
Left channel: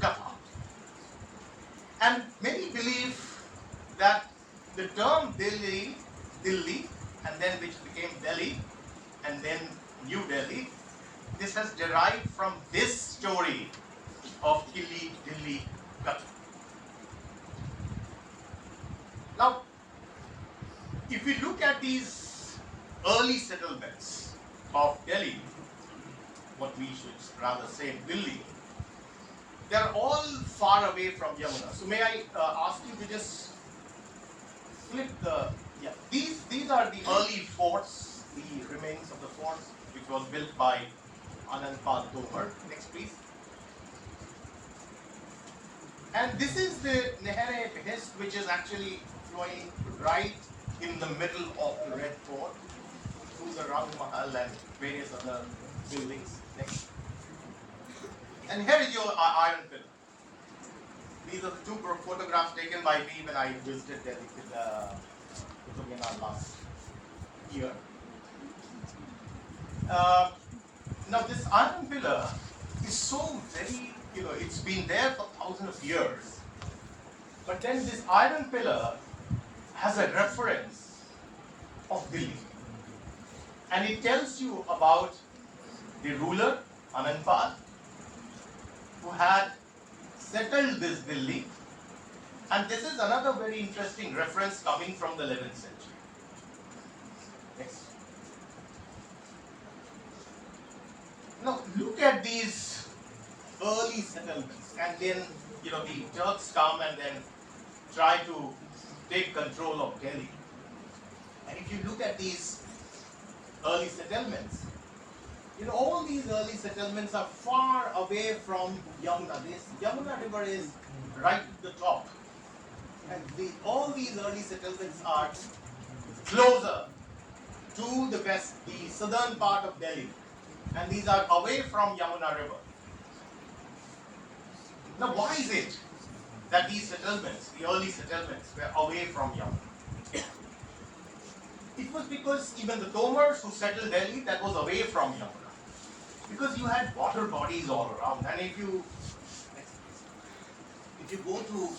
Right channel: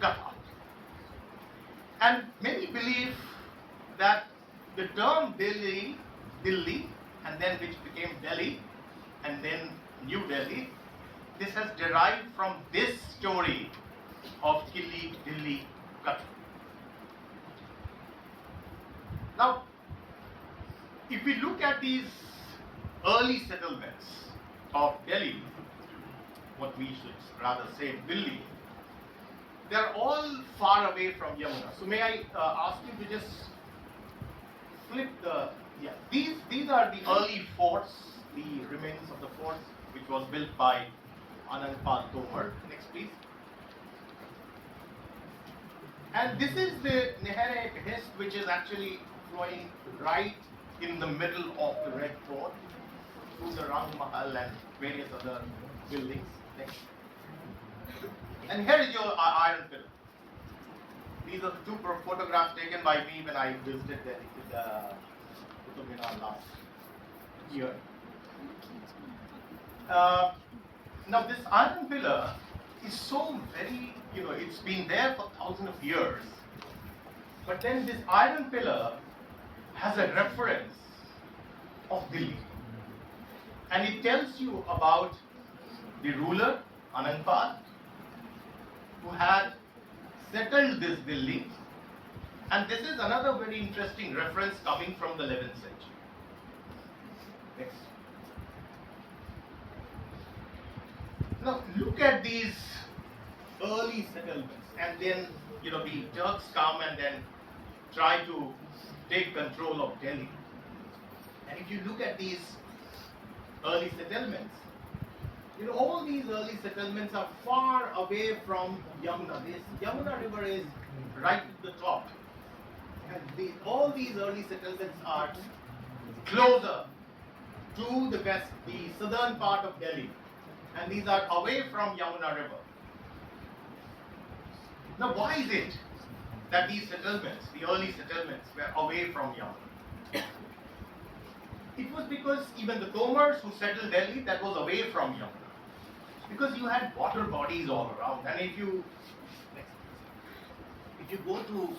Katha. And many believe that the term Delhi, and then which became Delhi, and then New Delhi, this has derived from this story of Kili Hilli Katha. Now, if we look at these early settlements of Delhi, what we should rather say Delhi, they're all far away from Yamuna. So may I ask you to just flip the, these are the early forts, the remains of the forts which was built by Anandpal Tomar. Next please. And this is the Nehru-e-Behesht, which is actually flowing right in the middle of the Red Fort through the Rang Mahal and various other buildings. Next. And here is your iron pillar. These are the two photographs taken by me when I visited Delhi to the Qutub Minar last year. Now this iron pillar is so very, it's been there for thousands of years. But then this iron pillar has a reference of Delhi. And it tells you about the ruler, Anandpal, who had settled this Delhi. And this is another very interesting reference coming from the 11th century. Next. Now look at these early settlements, and then the Turks come and then try to take control of Delhi. And if you look at these early settlements, all these early settlements are far away from Yamuna. This Yamuna river is right at the top. And all these early settlements are closer to the west, the southern part of Delhi. And these are away from Yamuna river. Now why is it that these settlements, the early settlements, were away from Yamuna? It was because even the Tomars who settled Delhi, that was away from Yamuna. Because you had water bodies all around. And if you go to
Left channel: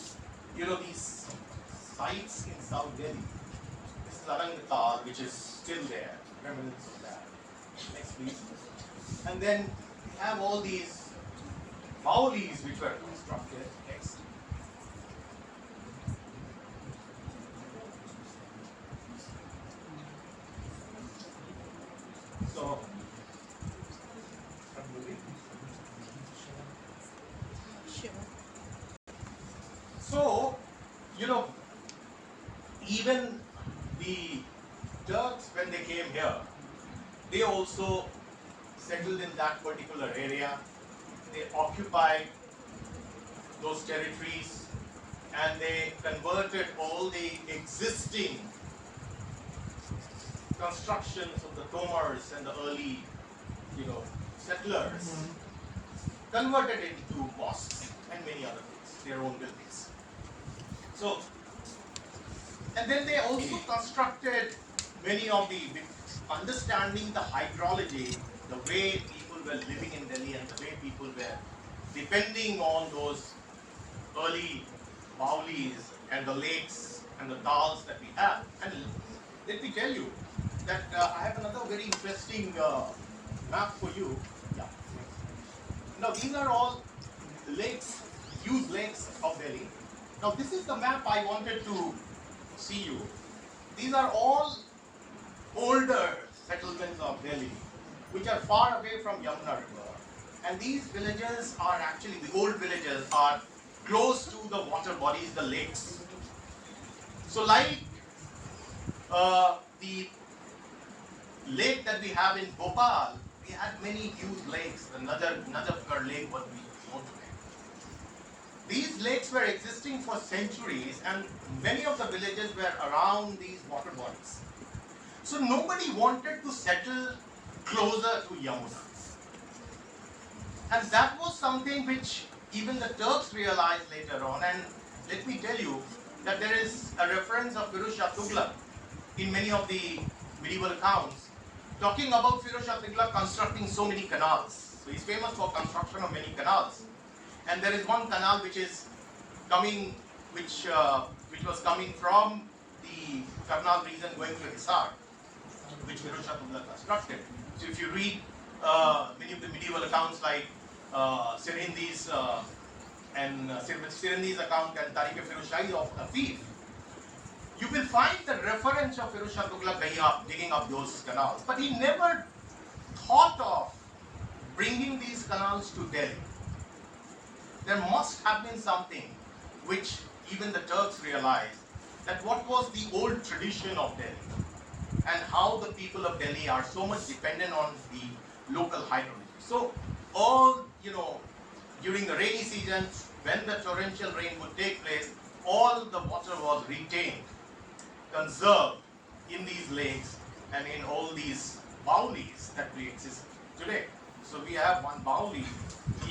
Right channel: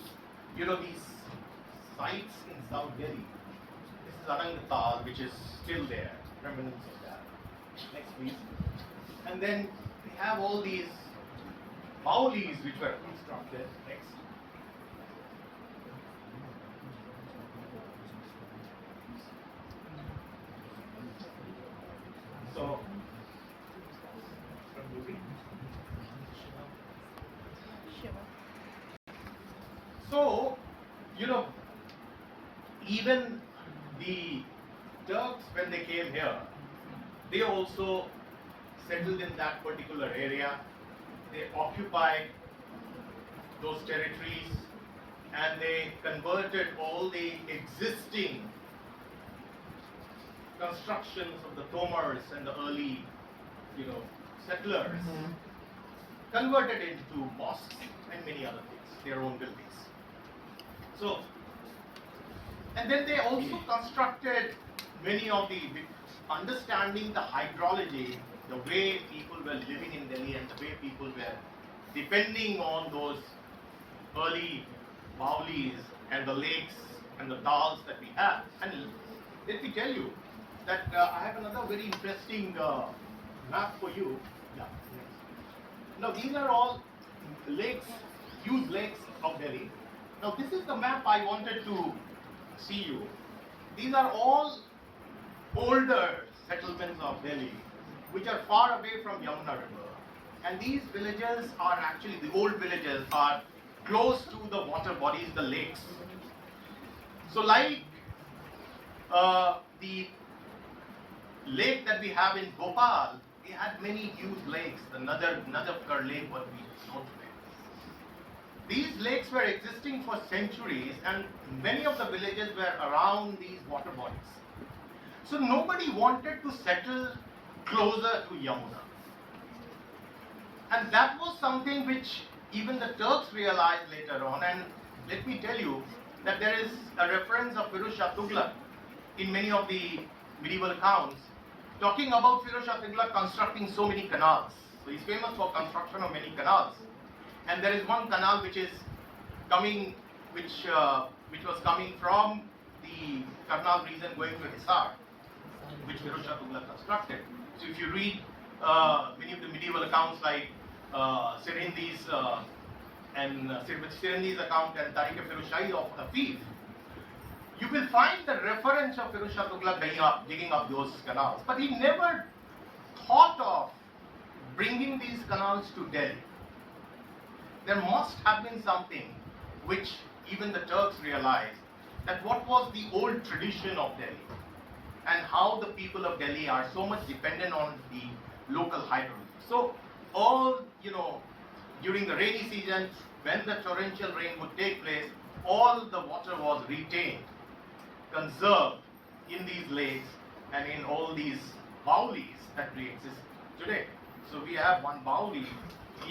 these sites in South Delhi, this is Anangatal, which is still there, remnants of that. Next please. And then we have all these Maulis which were constructed. Next. So, So, even the Turks, when they came here, they also settled in that particular area. They occupied those territories and they converted all the existing constructions of the Tomars and the early, settlers, converted into mosques and many other things, their own buildings. So, and then they also constructed many of the, understanding the hydrology, the way people were living in Delhi and the way people were depending on those early Maulis and the lakes and the dals that we have. And let me tell you that I have another very interesting map for you. Yeah. Now these are all lakes, huge lakes of Delhi. Now this is the map I wanted to see you. These are all older settlements of Delhi, which are far away from Yamuna river. And these villages are actually, the old villages are close to the water bodies, the lakes. So like the lake that we have in Bhopal, we had many huge lakes. The Najafgarh lake was known today. These lakes were existing for centuries and many of the villages were around these water bodies. So nobody wanted to settle closer to Yamuna. And that was something which even the Turks realized later on. And let me tell you that there is a reference of Firoz Shah Tughlaq in many of the medieval accounts talking about Firoz Shah Tughlaq constructing so many canals. So he's famous for construction of many canals. And there is one canal which is coming, which was coming from the Karnal region going to Hisar, which Firoz Shah Tughlaq constructed. So if you read many of the medieval accounts like Sirhindi's and Sirhindi's account and Tariq-e-Firoz Shahi of Afif, you will find the reference of Firoz Shah Tughlaq digging up those canals. But he never thought of bringing these canals to Delhi. There must have been something which even the Turks realized, that what was the old tradition of Delhi and how the people of Delhi are so much dependent on the local hydrology. So all, during the rainy season, when the torrential rain would take place, all the water was retained, conserved in these lakes and in all these baulis that we exist today. So we have one bauli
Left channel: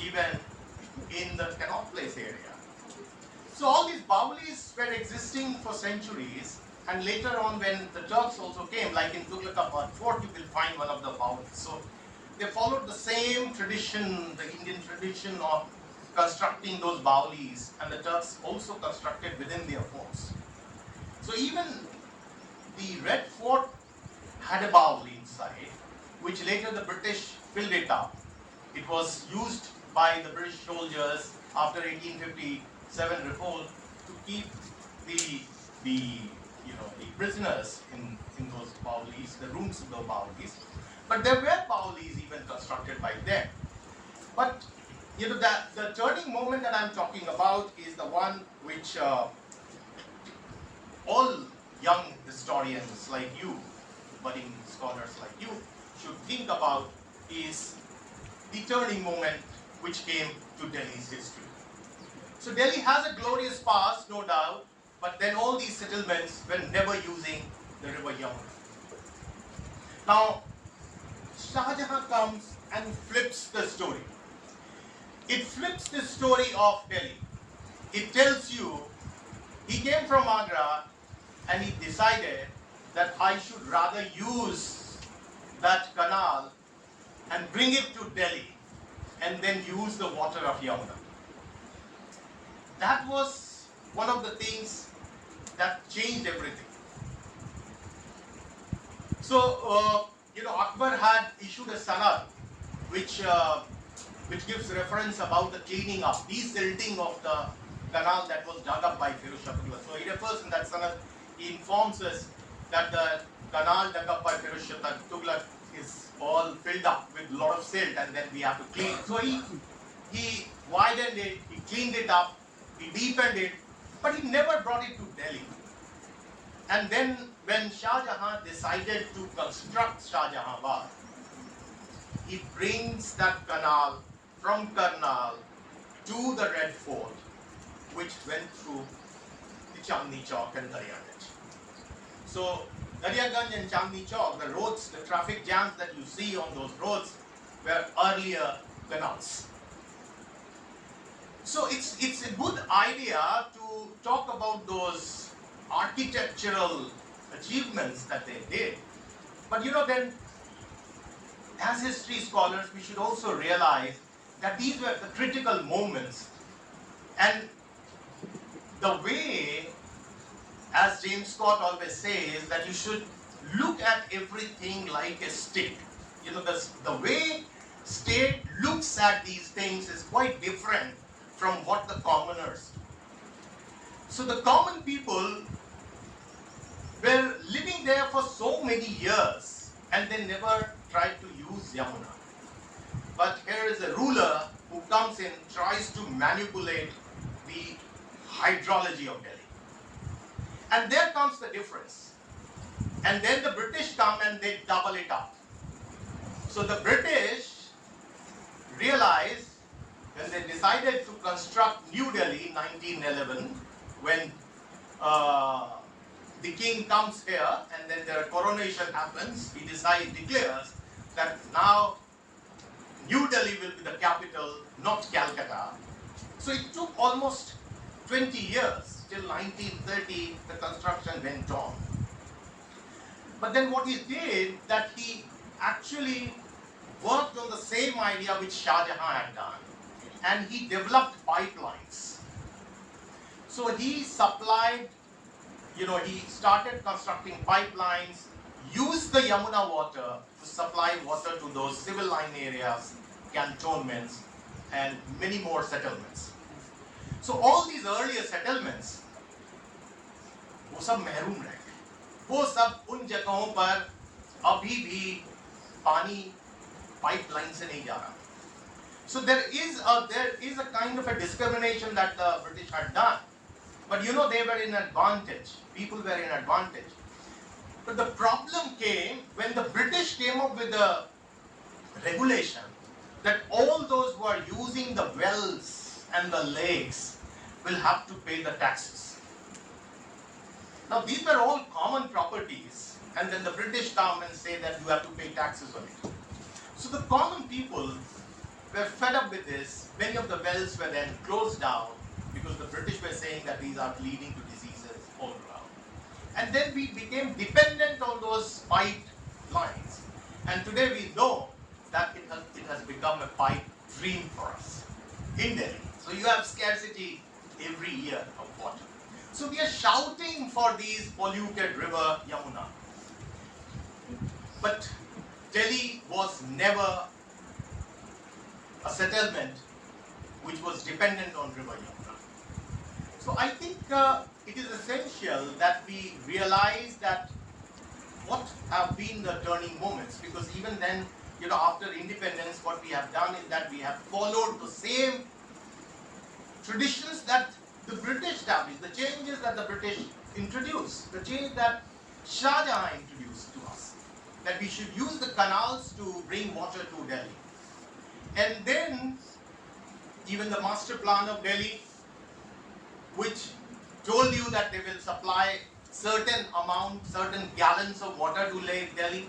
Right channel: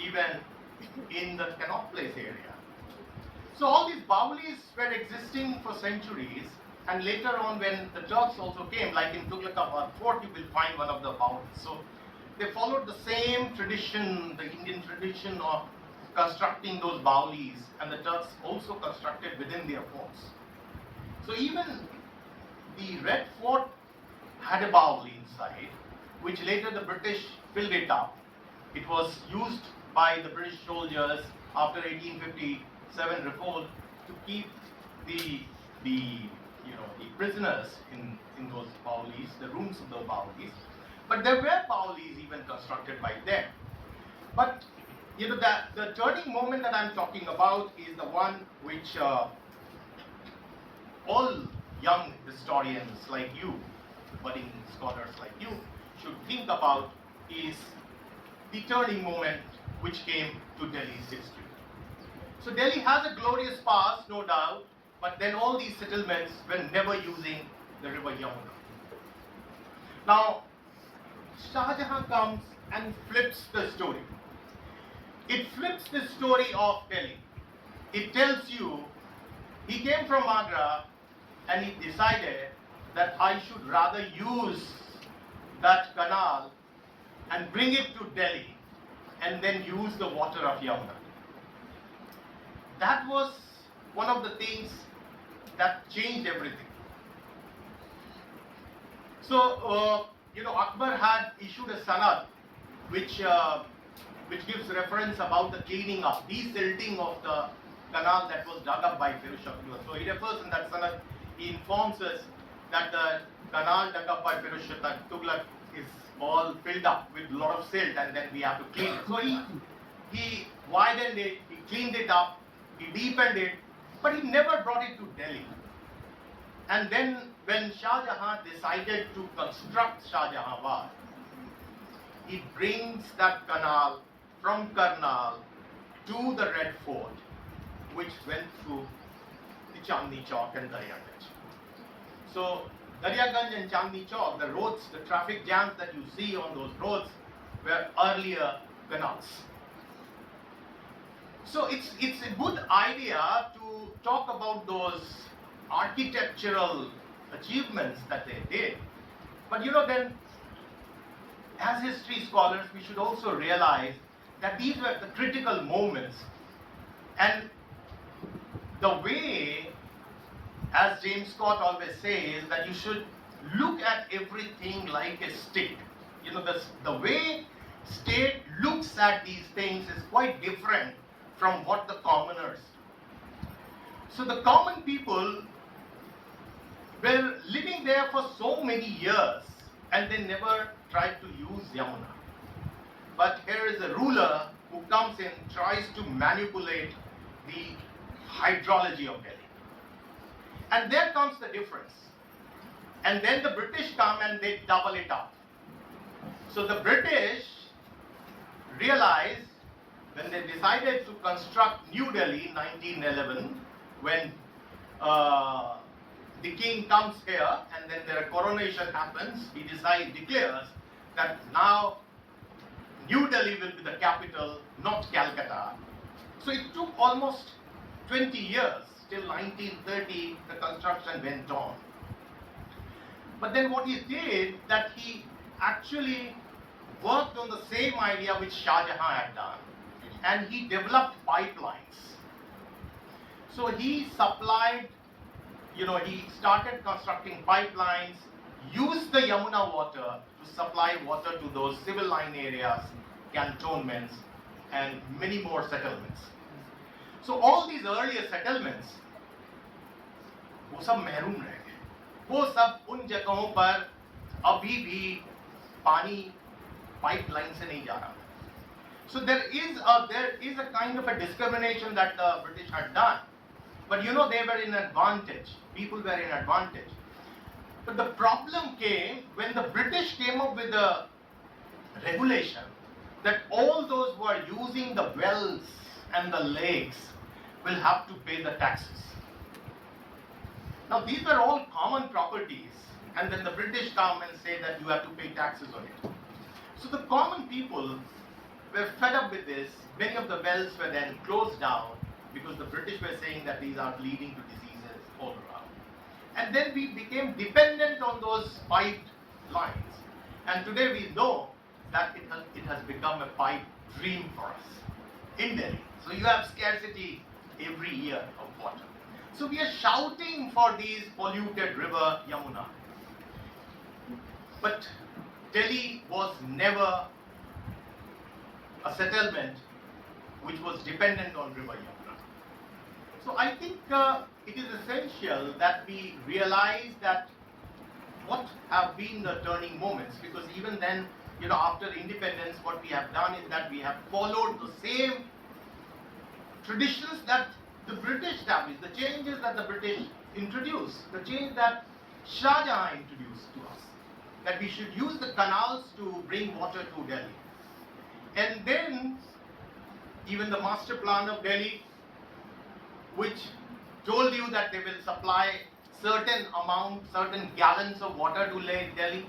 even in the Connaught Place area. So all these baulis were existing for centuries And later on, when the Turks also came, like in Tughlaqabad Fort, you will find one of the bowls. So they followed the same tradition, the Indian tradition of constructing those bawlis, and the Turks also constructed within their forts. So even the Red Fort had a bawli inside, which later the British filled it up. It was used by the British soldiers after 1857 revolt to keep the prisoners in those bawlis, the rooms of the bawlis. But there were bawlis even constructed by them. But the turning moment that I'm talking about is the one which all young historians like you, budding scholars like you, should think about, is the turning moment which came to Delhi's history. So Delhi has a glorious past, no doubt, but then all these settlements were never using the river Yamuna. Now, Shah Jahan comes and flips the story. It flips the story of Delhi. It tells you he came from Agra and he decided that I should rather use that canal and bring it to Delhi and then use the water of Yamuna. That was one of the things that changed everything. So, Akbar had issued a sanad which gives reference about the cleaning up, desilting of the canal that was dug up by Firuz Shah Tughlaq. So he refers in that sanad, he informs us that the canal dug up by Firuz Shah Tughlaq is all filled up with a lot of silt and then we have to clean it. So he widened it, he cleaned it up, he deepened it, but he never brought it to Delhi. And then when Shah Jahan decided to construct Shah Jahanabad, he brings that canal from Karnal to the Red Fort, which went through the Chandni Chowk and Daryaganj. So Daryaganj and Chandni Chowk, the roads, the traffic jams that you see on those roads were earlier canals. So it's a good idea to talk about those architectural achievements that they did. But then as history scholars, we should also realize that these were the critical moments. And the way, as James Scott always says, that you should look at everything like a stick. The way state looks at these things is quite different from what the commoners do. So the common people were living there for so many years and they never tried to use Yamuna. But here is a ruler who comes in, tries to manipulate the hydrology of Delhi. And there comes the difference. And then the British come and they double it up. So the British realized when they decided to construct New Delhi in 1911, when the king comes here and then their coronation happens, he declares that now New Delhi will be the capital, not Calcutta. So it took almost 20 years, till 1930 the construction went on. But then what he did, that he actually worked on the same idea which Shah Jahan had done, and he developed pipelines. So he supplied, he started constructing pipelines, used the Yamuna water to supply water to those civil line areas, cantonments, and many more settlements. So all these earlier settlements, वो सब महरूम रह गए. वो सब उन जगहों पर अभी भी पानी पाइपलाइन से नहीं जा रहा. So there is a kind of a discrimination that the British had done. But they were in advantage. People were in advantage. But the problem came when the British came up with a regulation that all those who are using the wells and the lakes will have to pay the taxes. Now these were all common properties, and then the British come and say that you have to pay taxes on it. So the common people were fed up with this. Many of the wells were then closed down because the British were saying that these are leading to diseases all around. And And then we became dependent on those pipelines. And today we know that it has become a pipe dream for us in Delhi. So you have scarcity every year of water. So we are shouting for these polluted river Yamuna. But Delhi was never a settlement which was dependent on river Yamuna. So I think it is essential that we realize that what have been the turning moments, because even then, after independence, what we have done is that we have followed the same traditions that the British established, the changes that the British introduced, the change that Shah Jahan introduced to us, that we should use the canals to bring water to Delhi. And then, even the master plan of Delhi, which told you that they will supply certain gallons of water to Delhi,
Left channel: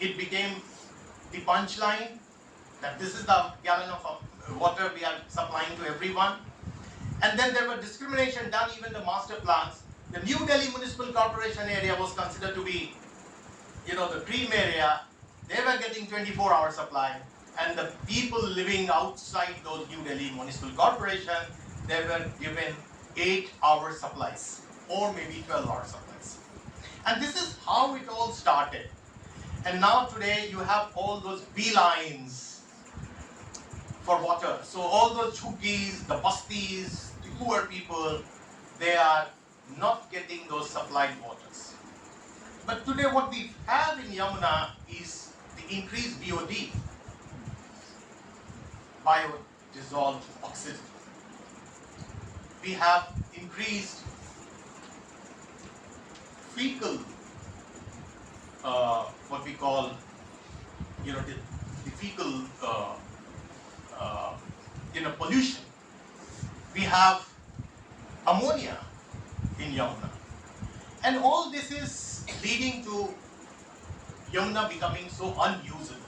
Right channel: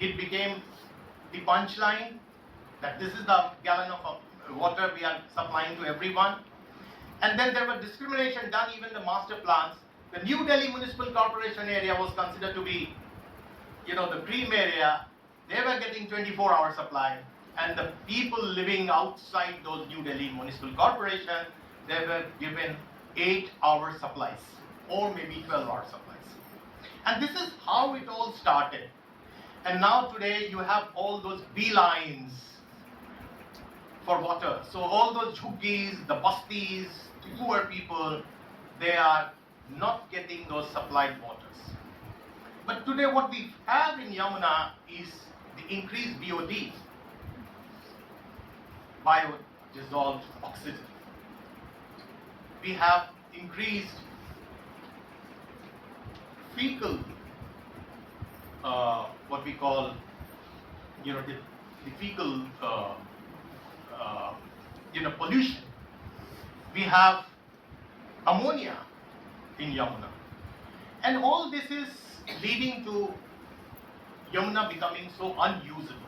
it became the punchline that this is the gallon of water we are supplying to everyone. And then there were discrimination done, even the master plans. The New Delhi Municipal Corporation area was considered to be, the cream area. They were getting 24-hour supply. And the people living outside those New Delhi Municipal Corporation, they were given 8-hour supplies, or maybe 12-hour supplies. And this is how it all started. And now today you have all those beelines for water. So all those jhuggies, the bastis, the poor people, they are not getting those supplied waters. But today what we have in Yamuna is the increased BOD, biodissolved oxygen. We have increased fecal, what we call, the fecal, pollution. We have ammonia in Yamuna. And all this is leading to Yamuna becoming so unusable.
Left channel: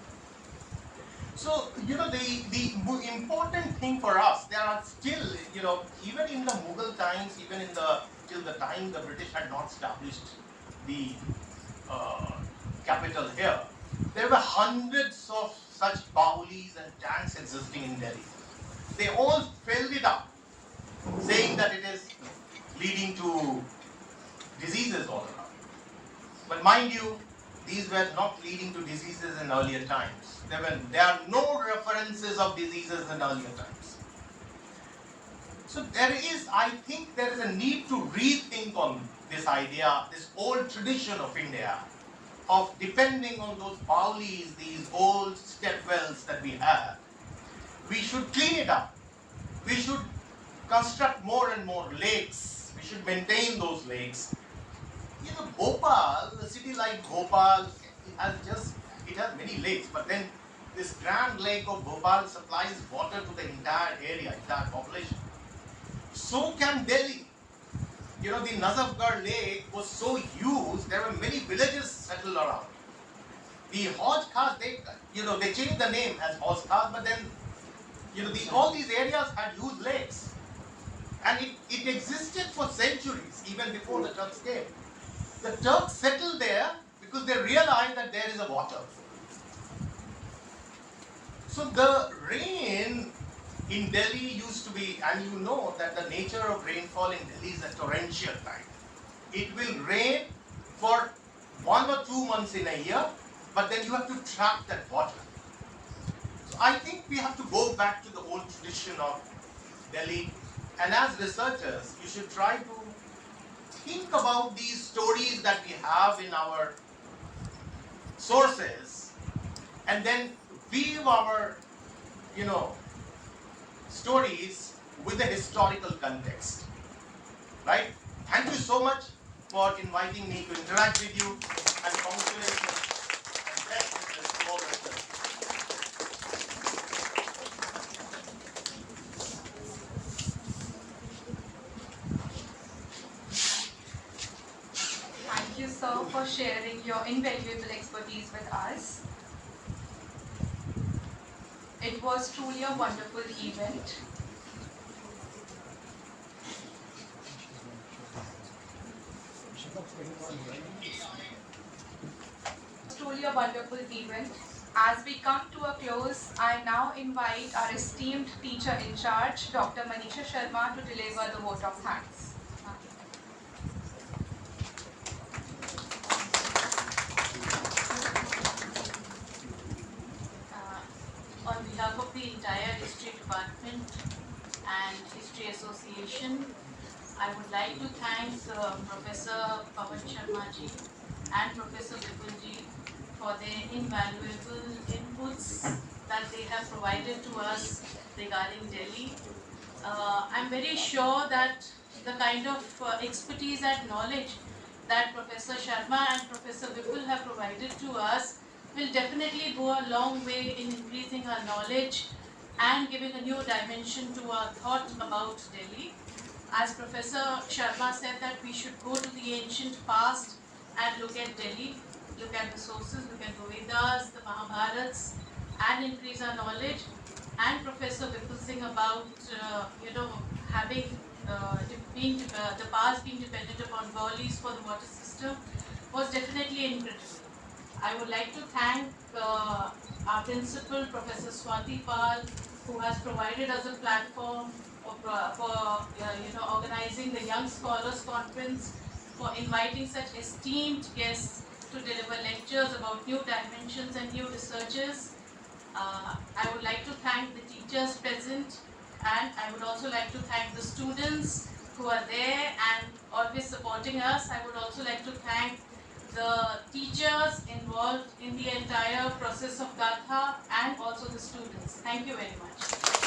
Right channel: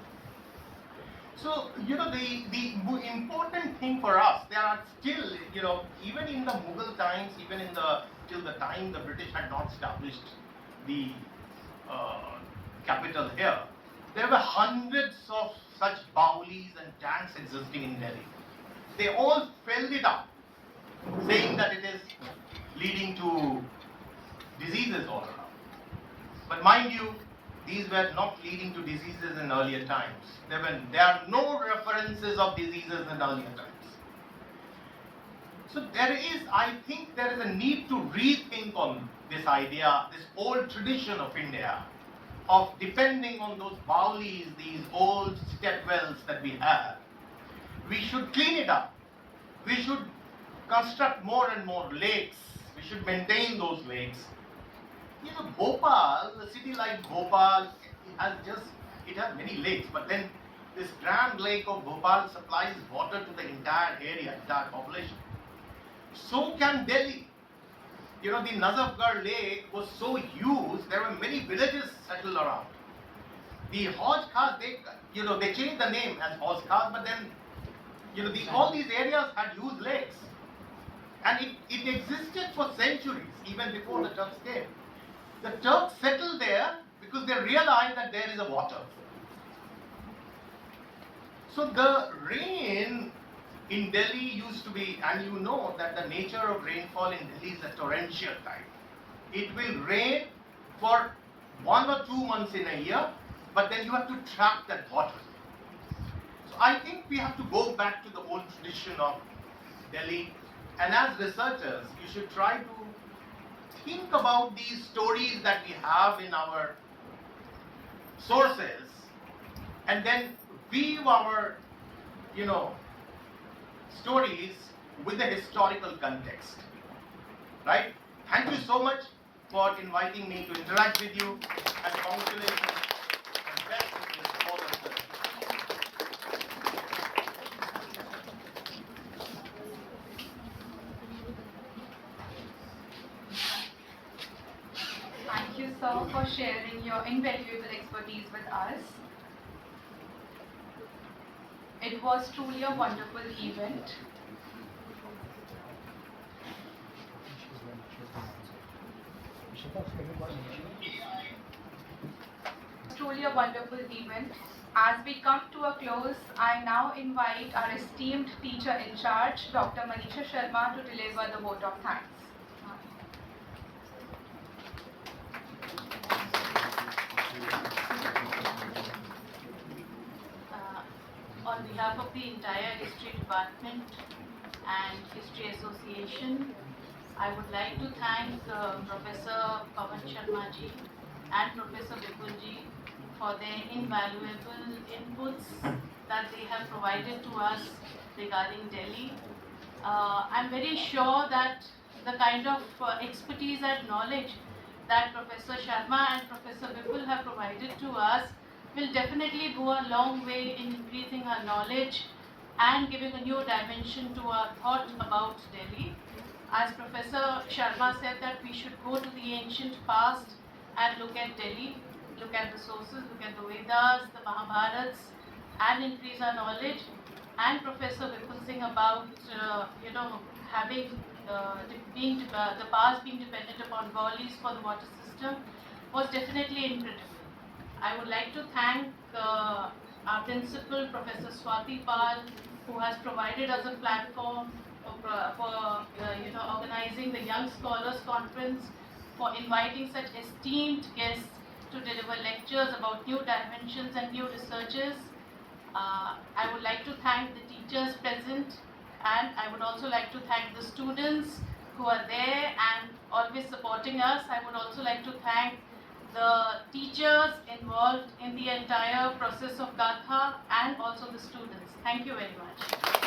So, the important thing for us, there are still, even in the Mughal times, even till the time the British had not established the capital here, there were hundreds of such baulis and tanks existing in Delhi. They all filled it up, saying that it is leading to diseases all around. But mind you, these were not leading to diseases in earlier times. There are no references of diseases in earlier times. So I think there is a need to rethink on this idea, this old tradition of India, of depending on those baulis, these old step wells that we have. We should clean it up. We should construct more and more lakes. We should maintain those lakes. Bhopal, a city like Bhopal, it has many lakes, but then this grand lake of Bhopal supplies water to the entire area, entire population. So can Delhi. The Nazafgarh lake was so used, there were many villages settled around. The Hauj Khas, they changed the name as Hauj Khas, but then, all these areas had used lakes. And it existed for centuries, even before the Turks came. The Turks settled there because they realized that there is a water. So the rain in Delhi used to be, and you know that the nature of rainfall in Delhi is a torrential type. It will rain for 1 or 2 months in a year, but then you have to trap that water. So I think we have to go back to the old tradition of Delhi, and as researchers, you should try to think about these stories that we have in our sources, and then weave our, stories with the historical context, right? Thank you so much for inviting me to interact with you, and congratulations and best wishes to all of us. Thank you, sir, for sharing your invaluable expertise with us. It was truly a wonderful event. Truly a wonderful event. As we come to a close, I now invite our esteemed teacher in charge, Dr. Manisha Sharma, to deliver the vote of thanks. On behalf of the entire History Department and History Association, I would like to thank Professor Pawan Sharma ji and Professor Vipul ji for their invaluable inputs that they have provided to us regarding Delhi. I'm very sure that the kind of expertise and knowledge that Professor Sharma and Professor Vipul have provided to us will definitely go a long way in increasing our knowledge and giving a new dimension to our thought about Delhi. As Professor Sharma said that we should go to the ancient past and look at Delhi, look at the sources, look at the Vedas, the Mahabharats, and increase our knowledge. And Professor Vipul Singh about having the past being dependent upon Gaulis for the water system was definitely incredible. I would like to thank our principal, Professor Swati Pal, who has provided us a platform for organizing the Young Scholars Conference, for inviting such esteemed guests to deliver lectures about new dimensions and new researches. I would like to thank the teachers present, and I would also like to thank the students who are there and always supporting us. I would also like to thank the teachers involved in the entire process of Gatha and also the students. Thank you very much.